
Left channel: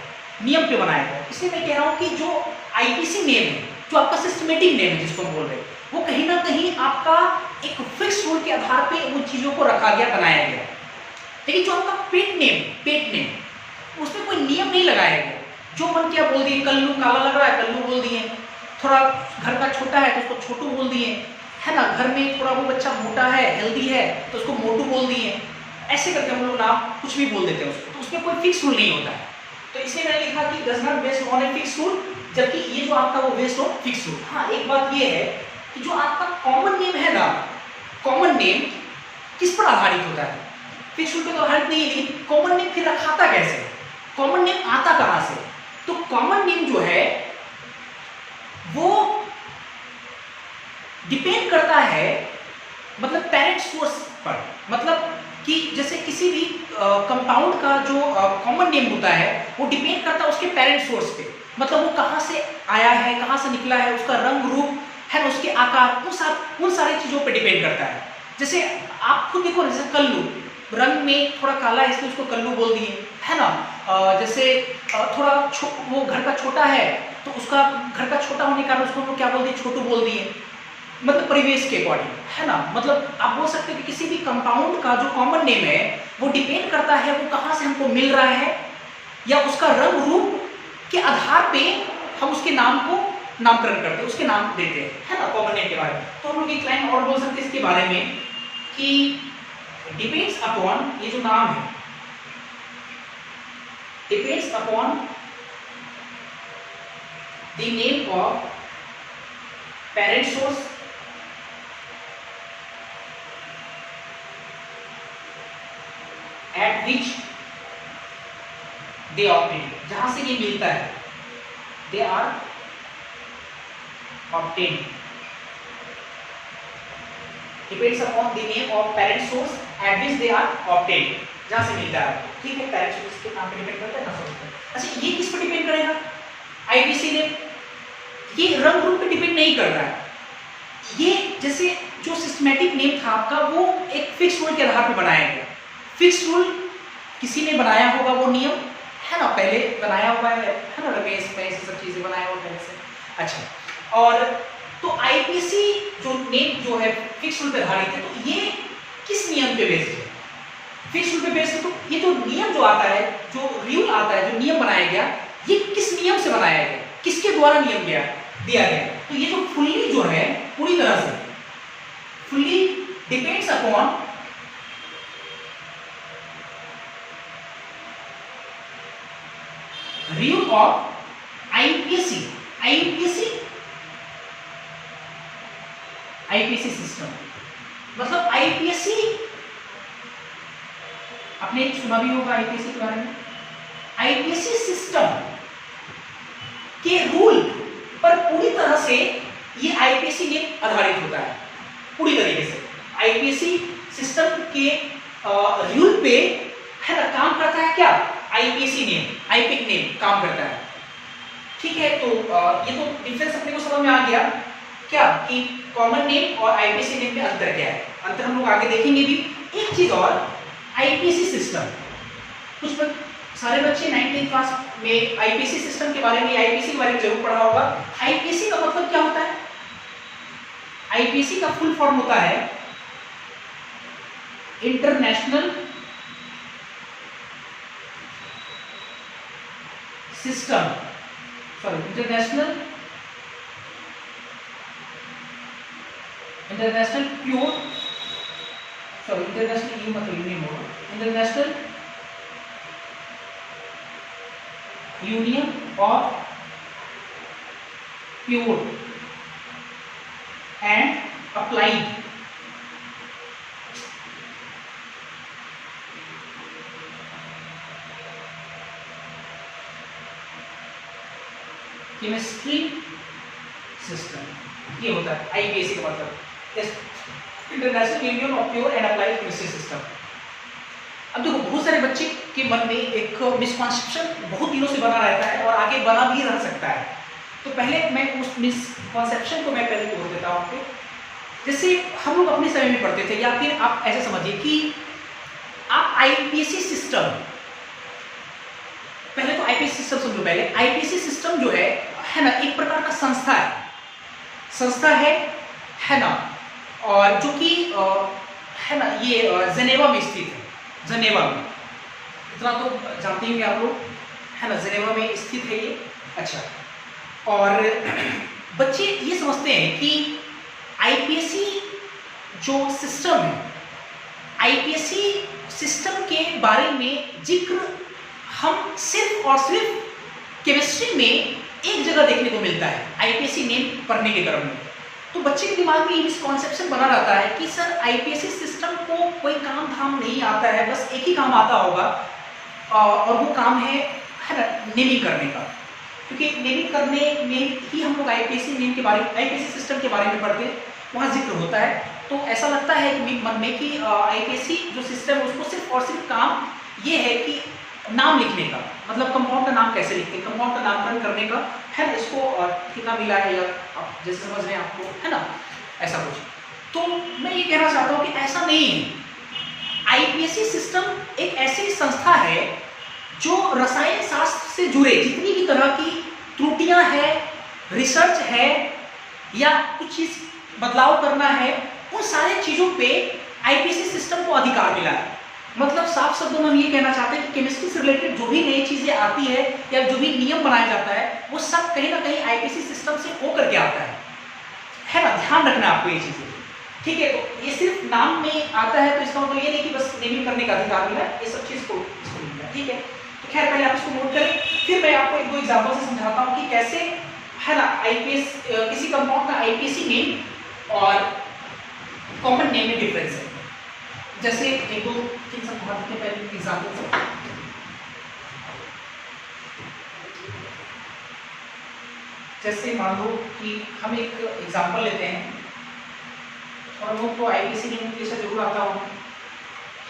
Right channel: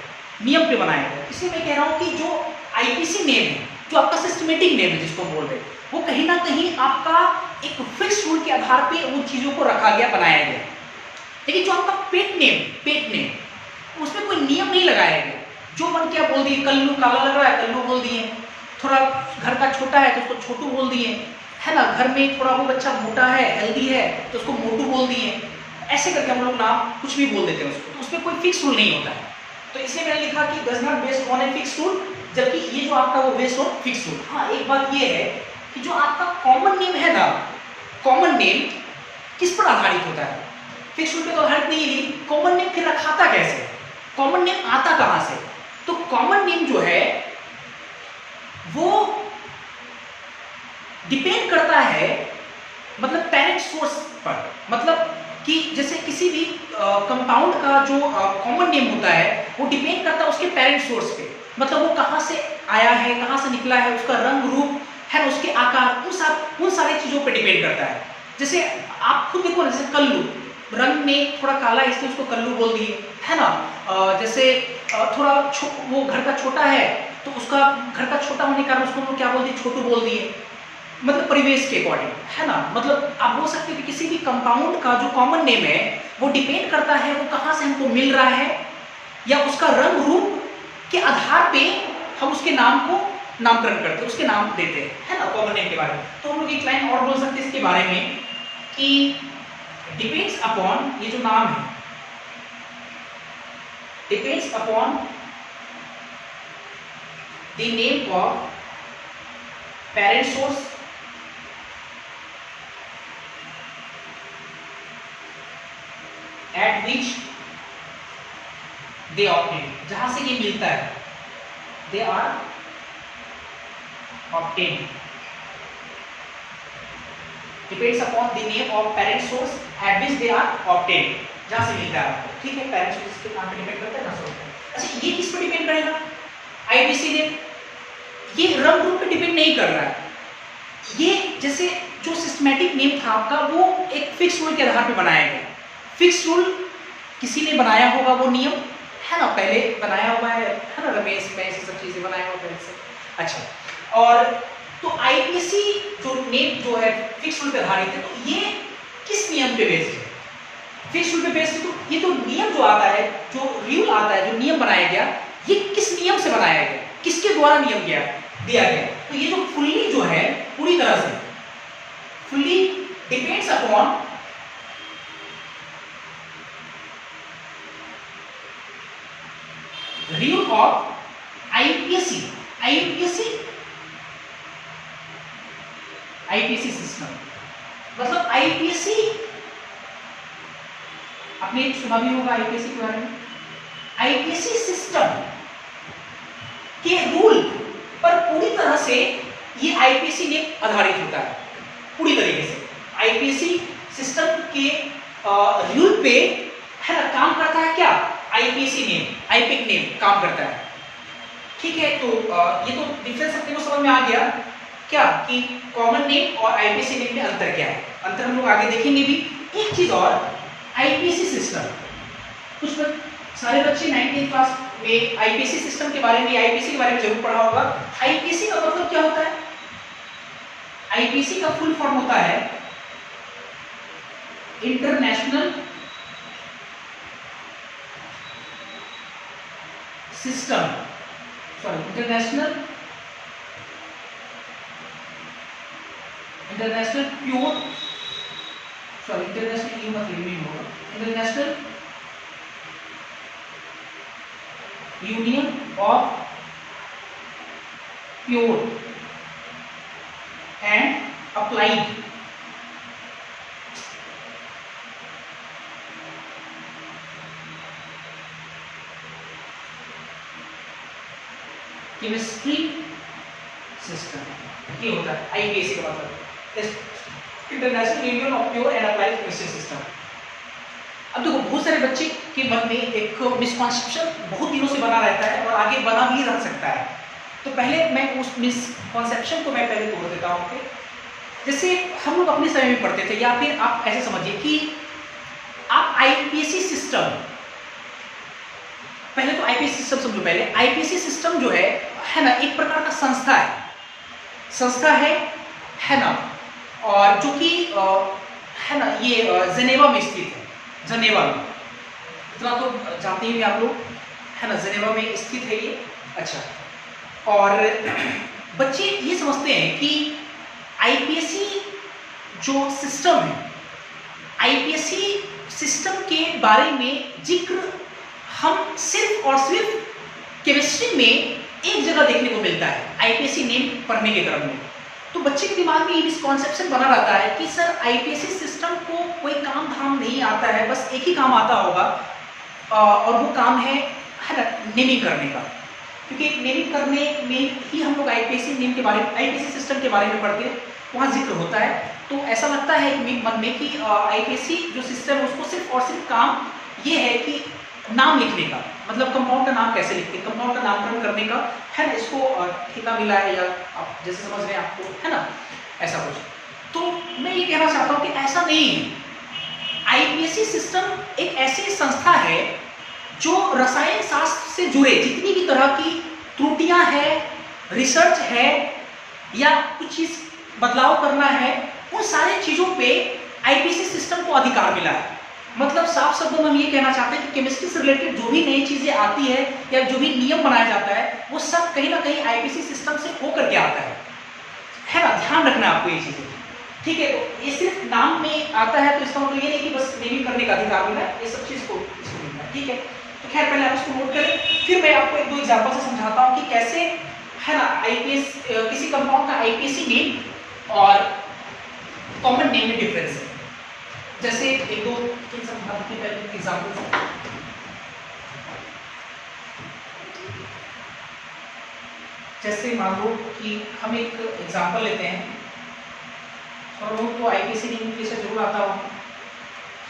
नियम पे बनाया गया। इसलिए मैं कह रहा हूँ कि जो आईपीसी नेम है, जो आपका सिस्टमेटिक नेम है जिसको बोल रहे हैं, वो कहीं ना कहीं आपका एक फिक्स रूल के आधार पे उन चीज़ों को रखा गया, बनाया गया। लेकिन जो आपका पेट नेम उसमें कोई नियम नहीं लगाया गया, जो मन किया बोल दिए, कल्लू काला लग रहा है कल्लू बोल दिए, थोड़ा घर का छोटा है तो उसको छोटू बोल दिए, है ना, घर में थोड़ा वो बच्चा मोटा है हेल्दी है तो उसको मोटू बोल दिए, ऐसे करके हम लोग नाम कुछ भी बोल देते हैं उसको, तो उसमें कोई फिक्स रूल नहीं होता है। तो इसलिए मैंने लिखा कि does not based on a fix rule, जबकि ये जो आपका वो बेस्ड ऑन फिक्स रूल। हाँ, एक बात ये है कि जो आपका कॉमन नेम है ना, कॉमन नेम किस पर आधारित होता है, फिक्स रूल पे तो आधारित नहीं है। कॉमन नेम फिर रखाता कैसे, कॉमन नेम आता कहां से? तो कॉमन नेम जो है वो डिपेंड करता है मतलब पेरेंट सोर्स पर, मतलब कि जैसे किसी भी कंपाउंड का जो कॉमन नेम होता है वो डिपेंड करता है उसके पेरेंट सोर्स पे, मतलब वो कहाँ से आया है, कहाँ से निकला है, उसका रंग रूप है ना, उसके आकार, उन सारी चीज़ों पे डिपेंड करता है। जैसे आप खुद देखो ना, जैसे कल्लू रंग में थोड़ा काला है इसलिए उसको कल्लू बोल दिए, है ना, जैसे थोड़ा वो घर का छोटा है तो उसका घर का छोटा होने के कारण उसको हम लोग क्या बोल दिए, छोटू बोल दिए, मतलब परिवेश के अकॉर्डिंग, है ना। मतलब आप बोल सकते हो कि किसी भी कंपाउंड का जो कॉमन नेम है वो डिपेंड करता है वो कहाँ से हमको मिल रहा है, या उसका रंग रूप के आधार पे हम उसके नाम को नामकरण करते हैं, उसके नाम देते हैं, है ना, कॉमन नेम के बारे में। तो हम लोग एक लाइन और बोल सकते हैं इसके बारे में कि डिपेंड्स अपॉन, ये जो नाम है depends upon the name of parent source at which they obtain, जहां से ये मिलता है, they are obtain, depends upon the name of parent source at which they are obtain, जहां से मिलता है आपको, ठीक है, पेरेंट सोर्स के नाम पे डिपेंड करता है ना सोर्स। अच्छा, ये किस पर डिपेंड करेगा, आईपीसी नेम, ये रंग रूप पे डिपेंड नहीं कर रहा है। ये जैसे जो सिस्टमैटिक नेम था आपका वो एक फिक्स रूल के आधार पर बनाया गया, फिक्स रूल किसी ने बनाया होगा वो नियम, है ना, पहले बनाया हुआ है ना, रमेश में ये सब चीजें बनाया हुआ पहले से। अच्छा, और तो आईपीसी जो नेम जो है फिक्स रूल पे आधारित है, तो ये किस नियम पे बेस्ड है? फिक्स रूल पे बेस्ड। तो ये जो नियम जो आता है, जो रूल आता है, जो नियम बनाया गया, ये किस नियम से बनाया गया, किसके द्वारा नियम दिया गया? तो ये जो फुल्ली जो है, पूरी तरह से fully depends upon rule of IPC system. मतलब आईपीसी आपने सुना भी होगा आईपीसी के बारे में। आईपीसी सिस्टम के रूल पर पूरी तरह से ये आईपीसी ने आधारित होता है, पूरी तरीके से आईपीसी सिस्टम के रूल पे, है ना, काम करता है क्या? आईपीसी नेम, आईपिक नेम काम करता है। ठीक है, तो ये तो डिफरेंस अपने को समझ में आ गया क्या कि कॉमन नेम और आईपीसी नेम में अंतर क्या है। अंतर हम लोग आगे देखेंगे भी। एक चीज और, आईपीसी सिस्टम, कुछ सारे बच्चे 9th क्लास में आईपीसी सिस्टम के बारे में, आईपीसी के बारे में जरूर पढ़ा होगा। आईपीसी का मतलब क्या होता है? आईपीसी का फुल फॉर्म होता है international system, sorry international pure, sorry international you मतलब यूनियन होगा, international union of pure and applied chemistry system, ये होता है आईपीसी का मतलब, international union of pure and applied chemistry system. अब देखो, बहुत सारे बच्चे के मन में एक मिसकॉन्सेप्शन बहुत दिनों से बना रहता है और आगे बना भी रह सकता है। तो पहले मैं उस मिसकॉन्सेप्शन को मैं पहले तोड़ देता हूँ आपके। जैसे हम लोग अपने समय में पढ़ते थे, या फिर आप ऐसे समझिए कि आप आईपीसी सिस्टम, पहले तो आईपीसी सिस्टम समझो। पहले आईपीसी सिस्टम जो है ना, एक प्रकार का संस्था है ना, और जो कि है ना, ये जेनेवा में स्थित है। जेनेवा में, इतना तो जानते ही आप लोग, है ना, जेनेवा में स्थित है ये। अच्छा, और बच्चे ये समझते हैं कि आईपीसी जो सिस्टम है, आईपीसी सिस्टम के बारे में जिक्र हम सिर्फ और सिर्फ केमिस्ट्री में एक जगह देखने को मिलता है, आईपीसी नेम पढ़ने के क्रम में। तो बच्चे के दिमाग में ये मिसकॉन्सेप्शन बना रहता है कि सर आईपीसी सिस्टम को कोई काम धाम नहीं आता है, बस एक ही काम आता होगा, और वो काम है ना, नेमिंग करने का। क्योंकि नेमिंग करने में ही हम लोग आईपीसी नेम के बारे में, आईपीसी सिस्टम के बारे में पढ़ते हैं, वहाँ जिक्र होता है। तो ऐसा लगता है कि मन में कि आईपीसी जो सिस्टम है उसको सिर्फ और सिर्फ काम ये है कि नाम लिखने का, मतलब कंपाउंड का नाम कैसे लिखते हैं, कंपाउंड का नामकरण करने का, है ना, इसको ठेका मिला है, या आप जैसे समझ रहे हैं आपको, है ना, ऐसा कुछ। तो मैं ये कहना चाहता हूँ कि ऐसा नहीं है। आईपीसी सिस्टम एक ऐसी संस्था है जो रसायन शास्त्र से जुड़े जितनी भी तरह की त्रुटियां हैं, रिसर्च है, या कुछ चीज बदलाव करना है, उन सारी चीजों पे आईपीसी सिस्टम को अधिकार मिला है। मतलब साफ शब्दों में हम ये कहना चाहते हैं कि केमिस्ट्री से रिलेटेड जो भी नई चीजें आती है या जो भी नियम बनाया जाता है, वो सब कहीं ना कहीं आईपीसी सिस्टम से होकर के आता है ना। ध्यान रखना आपको ये चीजें, ठीक है। तो ये सिर्फ नाम में आता है, तो इसका मतलब ये नहीं कि बस नेमिंग करने का अधिकार मिला है, ये सब चीज को, ठीक है। तो खैर पहले आप इसको नोट करें, फिर मैं आपको एक दो एग्जाम्पल से समझाता हूँ कि कैसे, है ना, आईपीएस किसी कंपाउंड का आईपीसी नेम और कॉमन नेम में डिफरेंस है। जैसे एक दो समझाते हैं पहले एग्जाम्पल से। जैसे मान लो कि हम एक एग्जाम्पल लेते हैं, और वो तो आईपीसी नेम से जरूर आता हो।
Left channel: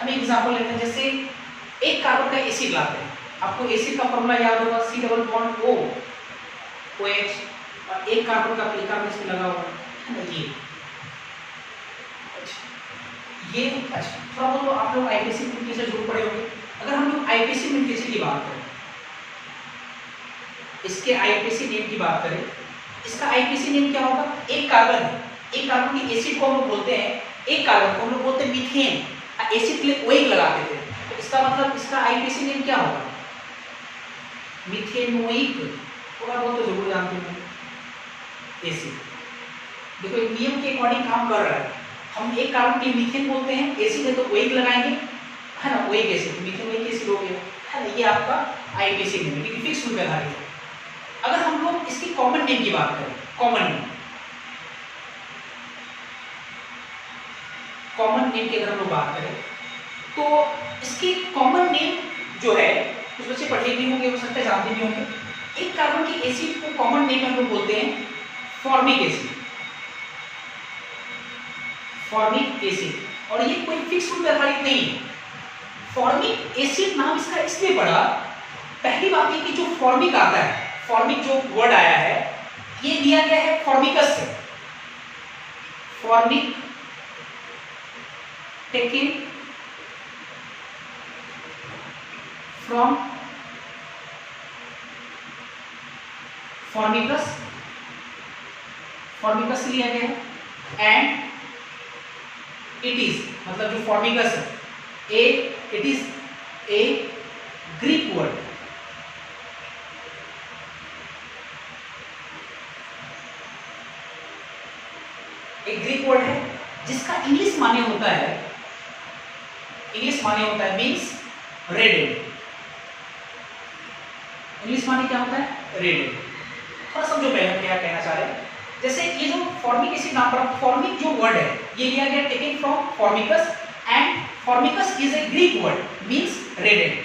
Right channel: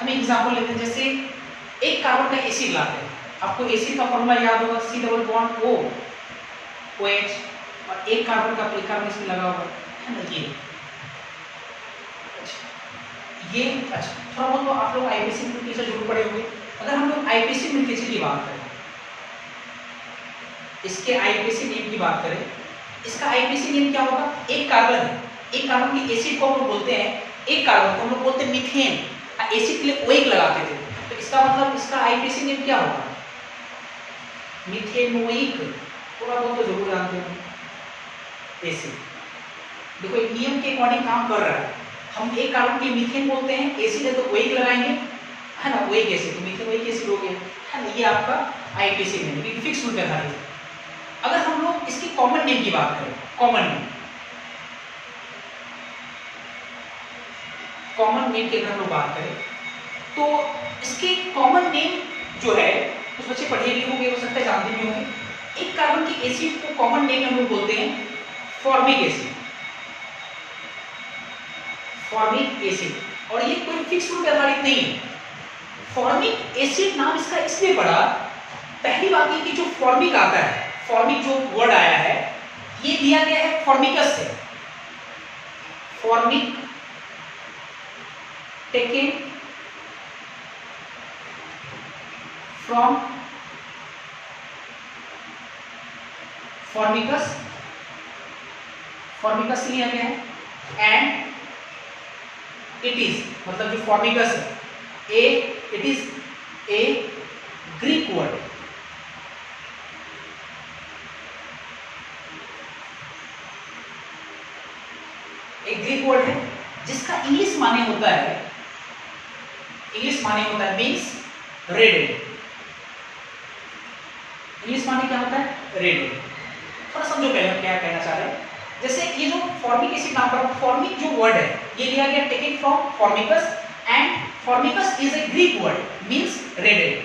हम एक एग्जाम्पल लेते हैं, जैसे एक कार्बन का एसिड लाते हैं, आपको एसिड का फॉर्मूला याद होगा, C double bond O OH, और एक कार्बन का कार्बन इसमें लगा हुआ है ना, ये अच्छा, थोड़ा बहुत तो आप लोग आईपीसी से जरूर पढ़े होंगे। अगर हम लोग आईपीसी नोमेनक्लेचर की बात करें, इसके आईपीसी नेम की बात करें, इसका आईपीसी नेम क्या होगा? एक कार्बन है, एक कार्बन की एसिड को हम लोग बोलते हैं, एक कार्बन को हम लोग बोलते हैं मीथेन, एसिड के लिए ओइक लगाते थे, तो इसका मतलब इसका आईपीसी नेम क्या होगा? मीथेनोइक। थोड़ा बहुत तो जरूर जानते हो एसिड। देखो एक नियम के अकॉर्डिंग काम कर रहा है, हम एक कार्बन के मीथेन बोलते हैं, एसिड है तो ओइक लगाएंगे, है ना, ओइक एसिड, मीथेनोइक एसिड हो गया, है ना, ये आपका आईपीसी नेम है, क्योंकि फिक्स रूल पे आधारित है। अगर हम लोग इसकी कॉमन नेम की बात करें, कॉमन नेम की अगर हम लोग बात करें तो इसकी कॉमन नेम जो है, कुछ बच्चे पढ़े भी होंगे, हो सकता है जानते भी होंगे, एक कार्बन की एसिड को कॉमन नेम हम लोग बोलते हैं फॉर्मिक एसिड, फॉर्मिक एसिड। और ये कोई फिक्स रूल पे आधारित नहीं है। फॉर्मिक एसिड नाम इसका इसलिए पड़ा, पहली बात ये कि जो फॉर्मिक आता है, फॉर्मिक जो वर्ड आया है, ये दिया गया है फॉर्मिकस से, फॉर्मिक टेकन फ्रॉम फॉर्मिकस, फॉर्मिकस लिया गया है, एंड इट इज, मतलब जो फॉर्मिकस है, it is a Greek word, एक ग्रीक वर्ड है जिसका इंग्लिश माने होता है, इंग्लिश माने होता है मीन्स रेड, इंग्लिश माने क्या होता है? रेड। थोड़ा समझो पहले हम क्या कहना चाह रहे हैं। जैसे ये जो फॉर्मिक एसिड नाम पर, फॉर्मिक जो वर्ड है ये लिया गया taken from formicus, and formicus is a Greek word means red.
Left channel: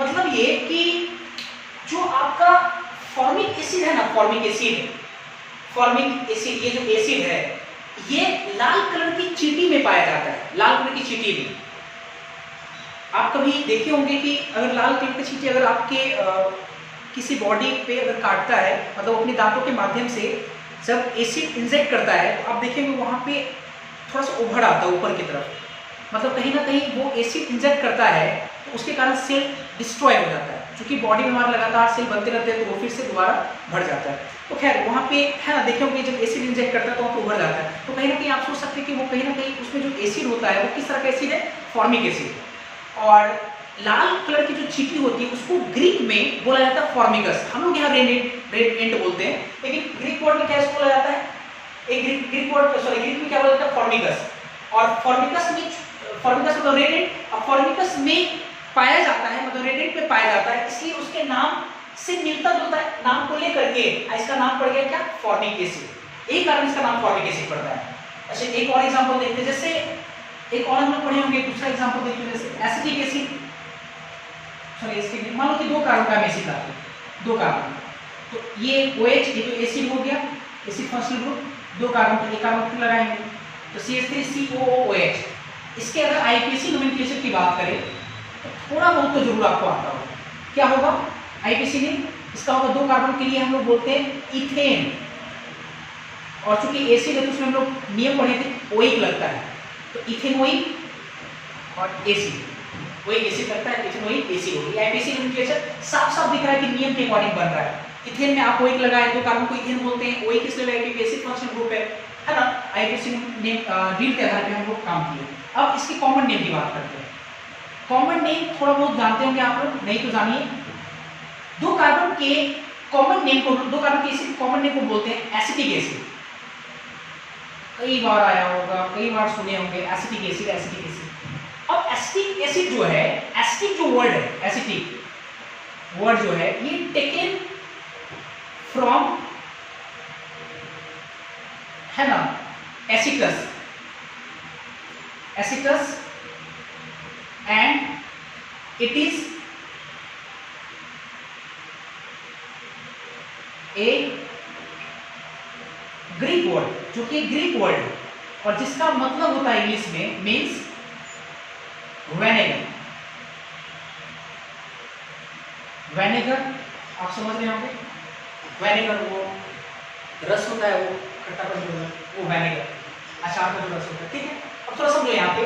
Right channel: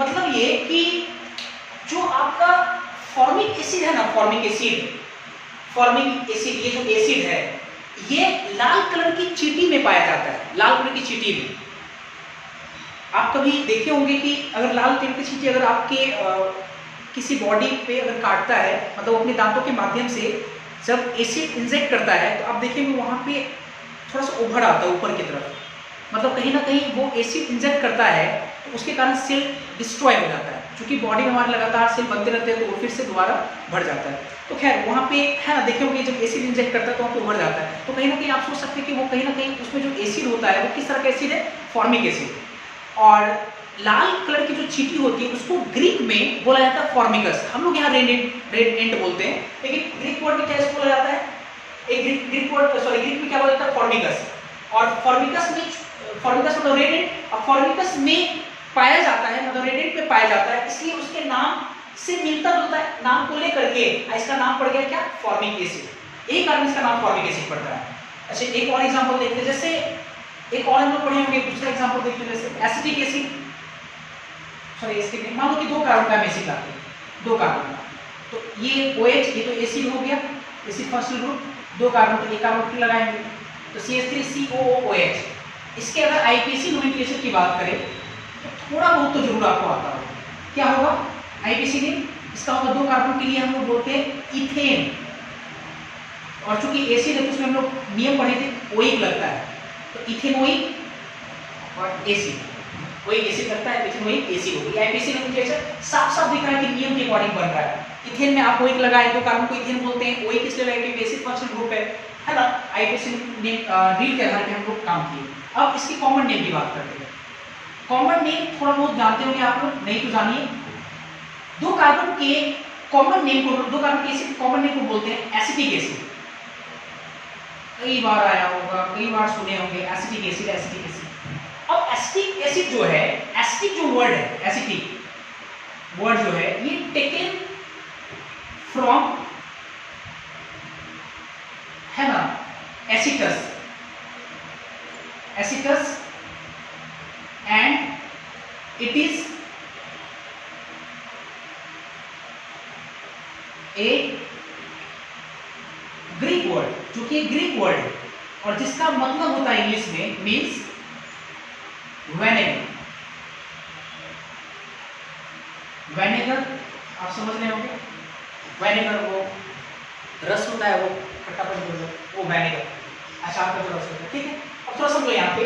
मतलब ये कि जो आपका फॉर्मिक एसिड है ना, फॉर्मिक एसिड, फॉर्मिक एसिड, ये जो एसिड है ये लाल कलर की चींटी में पाया जाता है, लाल कलर की चींटी में। आप कभी देखे होंगे कि अगर लाल कलर की चींटी अगर आपके किसी बॉडी पे अगर काटता है, मतलब अपने दांतों के माध्यम से जब एसिड इंजेक्ट करता है, तो आप देखेंगे वहाँ पे थोड़ा सा उभड़ आता है ऊपर की तरफ, मतलब कहीं ना कहीं वो एसिड इंजेक्ट करता है तो उसके कारण सेल डिस्ट्रॉय हो जाता है। क्योंकि बॉडी में हमारे लगातार सेल बनते रहते हैं तो वो फिर से दोबारा बढ़ जाता है। तो खैर वहाँ पे है ना, देखे होंगे जब एसिड इंजेक्ट करता है तो वहाँ पे उभड़ जाता है। तो कहीं ना कहीं आप सोच सकते हैं कि वो कहीं ना कहीं उसमें जो एसिड होता है वो किस तरह का एसिड है? Formic acid. और लाल कलर की जो चींटी होती है उसको ग्रीक में बोला जाता है फॉर्मिकस। हम लोग यहाँ रेड बोलते हैं, लेकिन ग्रीक वर्ड में क्या इसको बोला जाता है? एक ग्रीक वर्ड, सॉरी, ग्रीक में क्या बोला जाता है? फॉर्मिकस। और फॉर्मिकस में, फॉर्मिकस मतलब रेडेंट, और फॉर्मिकस में पाया जाता है, मतलब रेडेंट में पाया जाता है, इसलिए उसके नाम से मिलता जुलता है, नाम को लेकर के इसका नाम पड़ गया क्या? Formic acid. यही कारण इसका नाम फॉर्मिक एसिड पड़ता है। अच्छा, एक और एग्जांपल देखते हैं, जैसे एक और हम लोग पढ़े होंगे, दूसरा एग्जांपल देखते हैं, जैसे एसिटिक एसिड, सॉरी इसके लिए मान लो कि दो कार्बन का एसिड लाते हैं, दो कार्बन का, तो ये OH, ये तो एसिड हो गया, एसिड फर्स्ट ग्रुप, दो कार्बन, तो एक कार्बन फिर लगाएंगे तो CH3COOH। इसके अगर आईपीसी नोमेनक्लेचर की बात करें तो थोड़ा बहुत तो जरूर आपको आता होगा। क्या होगा आईपीसी नेम? इसका होगा, दो कार्बन के लिए हम लोग बोलते हैं इथेन, और चूंकि एसिड है तो उसमें हम लोग नियम पढ़े थे, ओइक लगता है, तो इथेनोइक और एसिड, ओइक एसिड लगता है, इथेनोइक एसिड हो गया। आईपीसी नोमेनक्लेचर साफ साफ दिख रहा है कि नियम के अकॉर्डिंग बन रहा है। इथेन में आप ओइक लगाए, दो कार्बन को इथेन बोलते हैं, ओइक इसलिए लगाए क्योंकि एसिड फंक्शनल ग्रुप है ना। आईपीसी रील के आधार पे हम लोग काम किए। अब इसकी कॉमन नेम की बात करते हैं। कॉमन नेम थोड़ा बहुत जानते होंगे आप लोग, नहीं तो जानिए। दो कार्बन के कॉमन नेम को, दो कार्बन के एसिड कॉमन नेम को बोलते हैं एसिटिक एसिड। कई बार आया होगा, कई बार सुने होंगे एसिटिक एसिड, एसिटिक एसिड। अब एसिटिक एसिड जो है, एसिटिक जो वर्ड है, एसिटिक वर्ड जो है, ये टेकन फ्रॉम, है ना, एसिटस, एसिटस, and it is a Greek word, जो कि ग्रीक वर्ड है और जिसका मतलब होता है इंग्लिश में मीन्स वेनेगर। वेनेगर आप समझ रहे होंगे, वेनेगर वो रस होता है, वो खट्टापन जो है वो वेनेगर, अचार का जो रस होता है, ठीक है। अब थोड़ा समझो यहाँ पे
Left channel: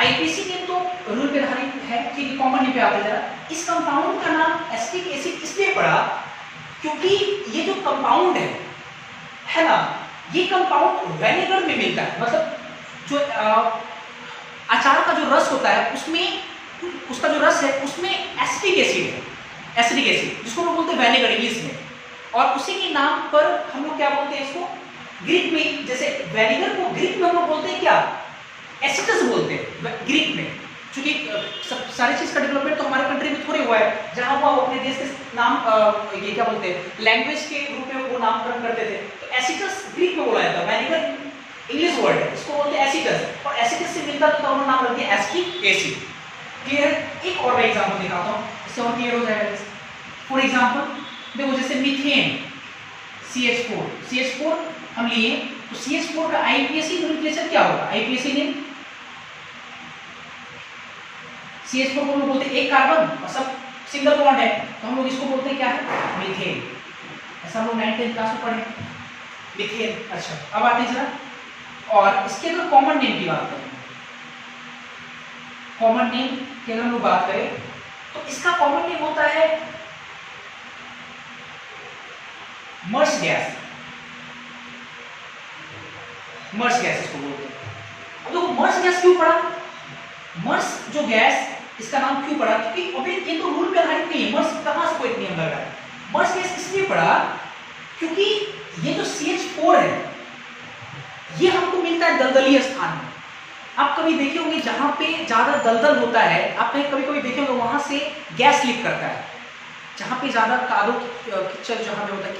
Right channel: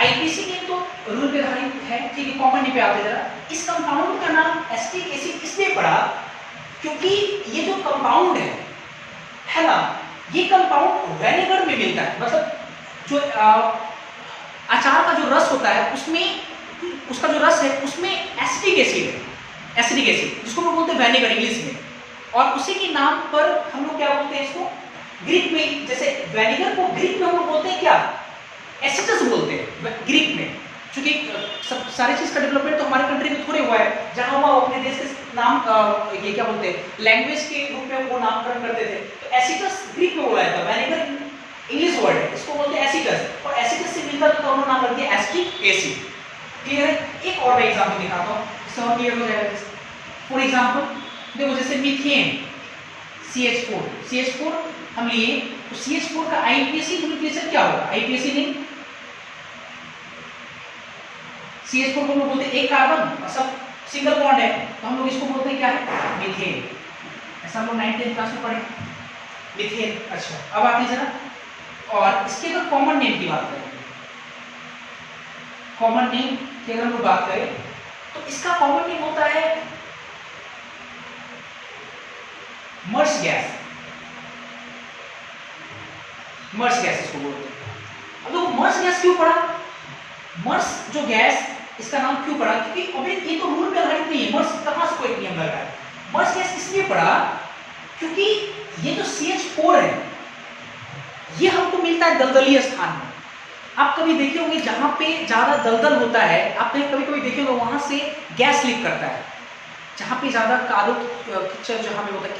आईपीसी नेम तो रूल पे आधारित है, ठीक है, कॉमन नेम पे आते जरा। इस कंपाउंड का नाम एसिटिक एसिड इसलिए पड़ा क्योंकि ये जो कंपाउंड है ना, ये कंपाउंड विनेगर में मिलता है। मतलब जो अचार का जो रस होता है उसमें, उसका जो रस है उसमें एसिटिक एसिड है, एसिडिक एसिड, जिसको हम लोग बोलते हैं विनेगर इंग्लिश में। और उसी के नाम पर हम लोग क्या बोलते हैं इसको ग्रीक में, जैसे विनेगर को ग्रीक में हम लोग बोलते हैं क्या, एसिटस बोलते हैं ग्रीक में। क्योंकि सब सारी चीज का डेवलपमेंट तो हमारे कंट्री में थोड़े हुआ है, जहां हुआ वो अपने देश के नाम ये क्या बोलते हैं लैंग्वेज के रूप में वो नामकरण करते थे। तो एसिटस ग्रीक में बोला जाता है, विनेगर इंग्लिश वर्ड है, इसको बोलते हैं एसिटस। और एसिटस से मिलता तो उन्होंने नाम रख दिया एसिटिक एसिड। क्लियर है? एक और एग्जांपल दिखाता हूं, इससे और क्लियर हो जाएगा। फॉर एग्जांपल देखो, जैसे मीथेन CH4, CH4 हम लिए तो CH4 का आईपीएसी नोमेनक्लेचर क्या होगा? आईपीएसी नेम CH4 को हम लोग बोलते हैं एक कार्बन और सब सिंगल बॉन्ड है, तो हम लोग इसको बोलते हैं क्या है, मीथेन। ऐसा हम लोग 9th क्लास में पढ़े मीथेन। अच्छा, अब आते हैं जरा, और इसके अगर कॉमन नेम की बात करें, कॉमन नेम की अगर हम लोग बात करें तो इसका कॉमन नेम होता है मर्स गैस। मर्स गैस इसको बोलते हैं। अब देखो मर्स गैस क्यों पड़ा? मर्स जो गैस, इसका नाम क्यों पड़ा? क्योंकि अभी ये तो रूल पे आधारित नहीं है, मर्स कहां से कोई नियम लग रहा है। मर्स गैस इसलिए पड़ा क्योंकि ये जो CH4 है ये हमको मिलता है दलदली स्थान में। आप कभी देखे होंगे जहां पे ज्यादा दलदल होता है, आप कहीं कभी कभी देखे होंगे वहां से गैस लीक करता है। जहाँ पे ज़्यादा कादो कीचड़ जहाँ पे होता है,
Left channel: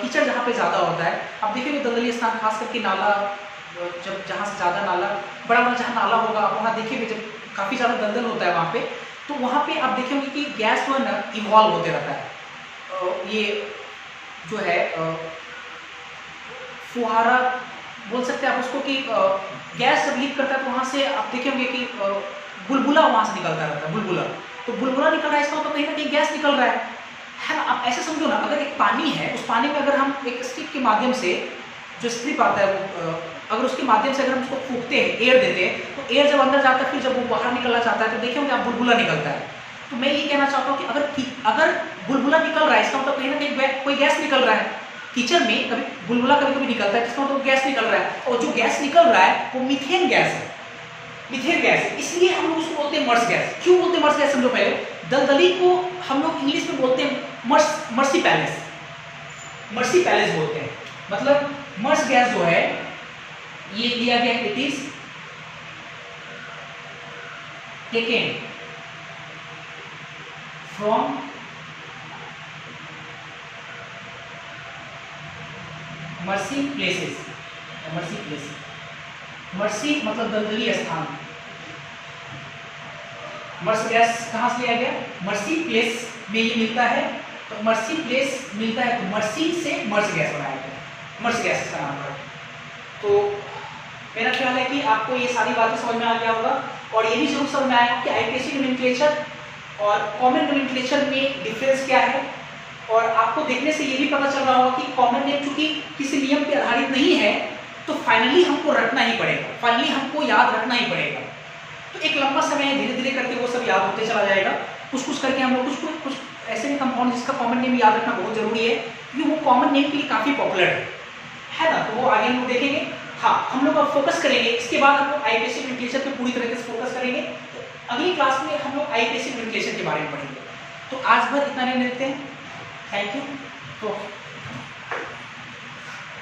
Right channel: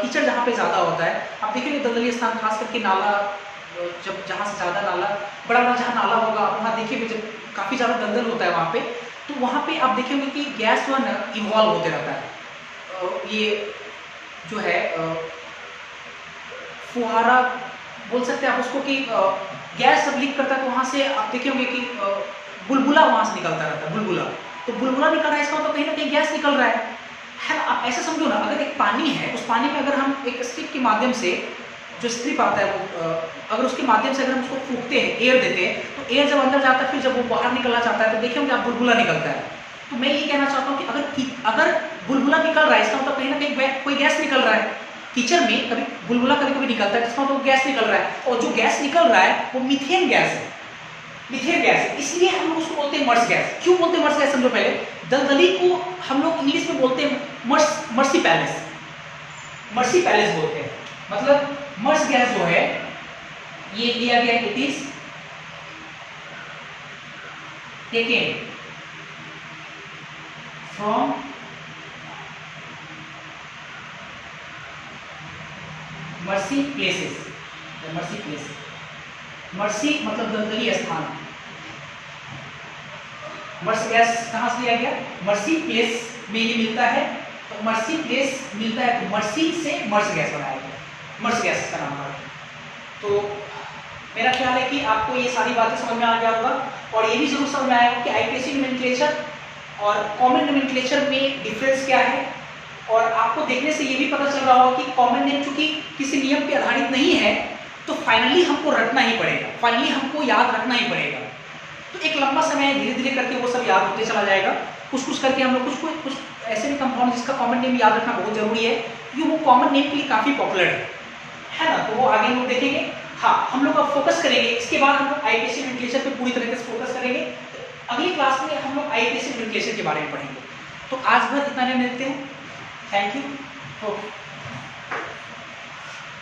कीचड़ जहाँ पे ज़्यादा होता है, आप देखेंगे दलदली स्थान, खास करके नाला, जब जहाँ से ज़्यादा नाला, बड़ा बड़ा जहाँ नाला होगा वहाँ देखिए जब काफ़ी ज़्यादा दलदल होता है वहाँ पे, तो वहाँ पे आप देखेंगे कि गैस जो है ना इवॉल्व होते रहता है। ये जो है फुहारा बोल सकते हैं आप उसको, कि गैस जब लीक करता है तो वहाँ से आप देखेंगे कि बुलबुला वहाँ से निकलता रहता है, बुलबुला। तो बुलबुला निकल रहा है, इसका मतलब कहीं ना कहीं गैस निकल रहा है ना। आप ऐसे समझो ना, अगर एक पानी है, उस पानी में अगर हम एक स्ट्रिप के माध्यम से, जो स्ट्रिप आता है वो अगर उसके माध्यम से अगर हम उसको फूंकते हैं, एयर देते हैं, तो एयर जब अंदर जाता है, फिर जब वो बाहर निकलना चाहता है तो देखेंगे आप बुलबुला निकलता है। तो मैं ये कहना चाहता हूँ कि अगर बुलबुला निकल रहा है, इसका मतलब कहीं ना कहीं कोई गैस निकल रहा है। कीचड़ में कभी बुलबुला कभी कभी निकलता है, इसका मतलब गैस निकल रहा है, और जो गैस निकल रहा है वो मीथेन गैस है, मीथेन गैस। इसलिए हम लोग उसको बोलते हैं मर्स गैस। क्यों बोलते हैं मर्स गैस समझो पहले। दलदली को हम लोग इंग्लिश में बोलते हैं मर्सी पैलेस, मर्सी पैलेस बोलते हैं। मतलब मर्स गैस जो है ये दिया गया, it is taken from mercy places, mercy place, mercy मतलब दलदली स्थान। मर्स गैस कहाँ से लिया गया? मर्सी प्लेस में ये मिलता है, तो मर्सी प्लेस मिलता है तो मर्सी से मर्स गैस बनाया गया, मर्स गैस इसका नाम पड़ा। तो मेरा ख्याल है कि आपको ये सारी बातें समझ में आ गया होगा, और ये भी जरूर समझ में आएगा कि आईपीएसी नोमेनक्लेचर और कॉमन नोमेनक्लेचर में डिफरेंस क्या है। और आपको देखने से ये भी पता चल रहा होगा कि कॉमन नेम चूंकि किसी नियम पे आधारित नहीं है, तो फाइनली हमको रटना ही पड़ेगा, फाइनली हमको याद रखना ही पड़ेगा। तो एक लंबा समय धीरे धीरे करके वो सब याद होते चला जाएगा, कुछ कुछ करके हम लोग कुछ ऐसे भी कंपाउंड जिसका कॉमन नेम याद रखना बहुत जरूरी है, क्योंकि वो कॉमन नेम के लिए काफ़ी पॉपुलर है ना। तो वो आगे हम लोग देखेंगे। हाँ, हम लोग अब फोकस करेंगे, इसके बाद हम लोग आईपीएसी नोमेनक्लेचर पे पूरी तरीके से फोकस करेंगे। अगली क्लास में हम लोग आईपीएसी नोमेनक्लेचर के बारे में पढ़ेंगे। तो आज भर इतना रहने देते हैं। Thank you.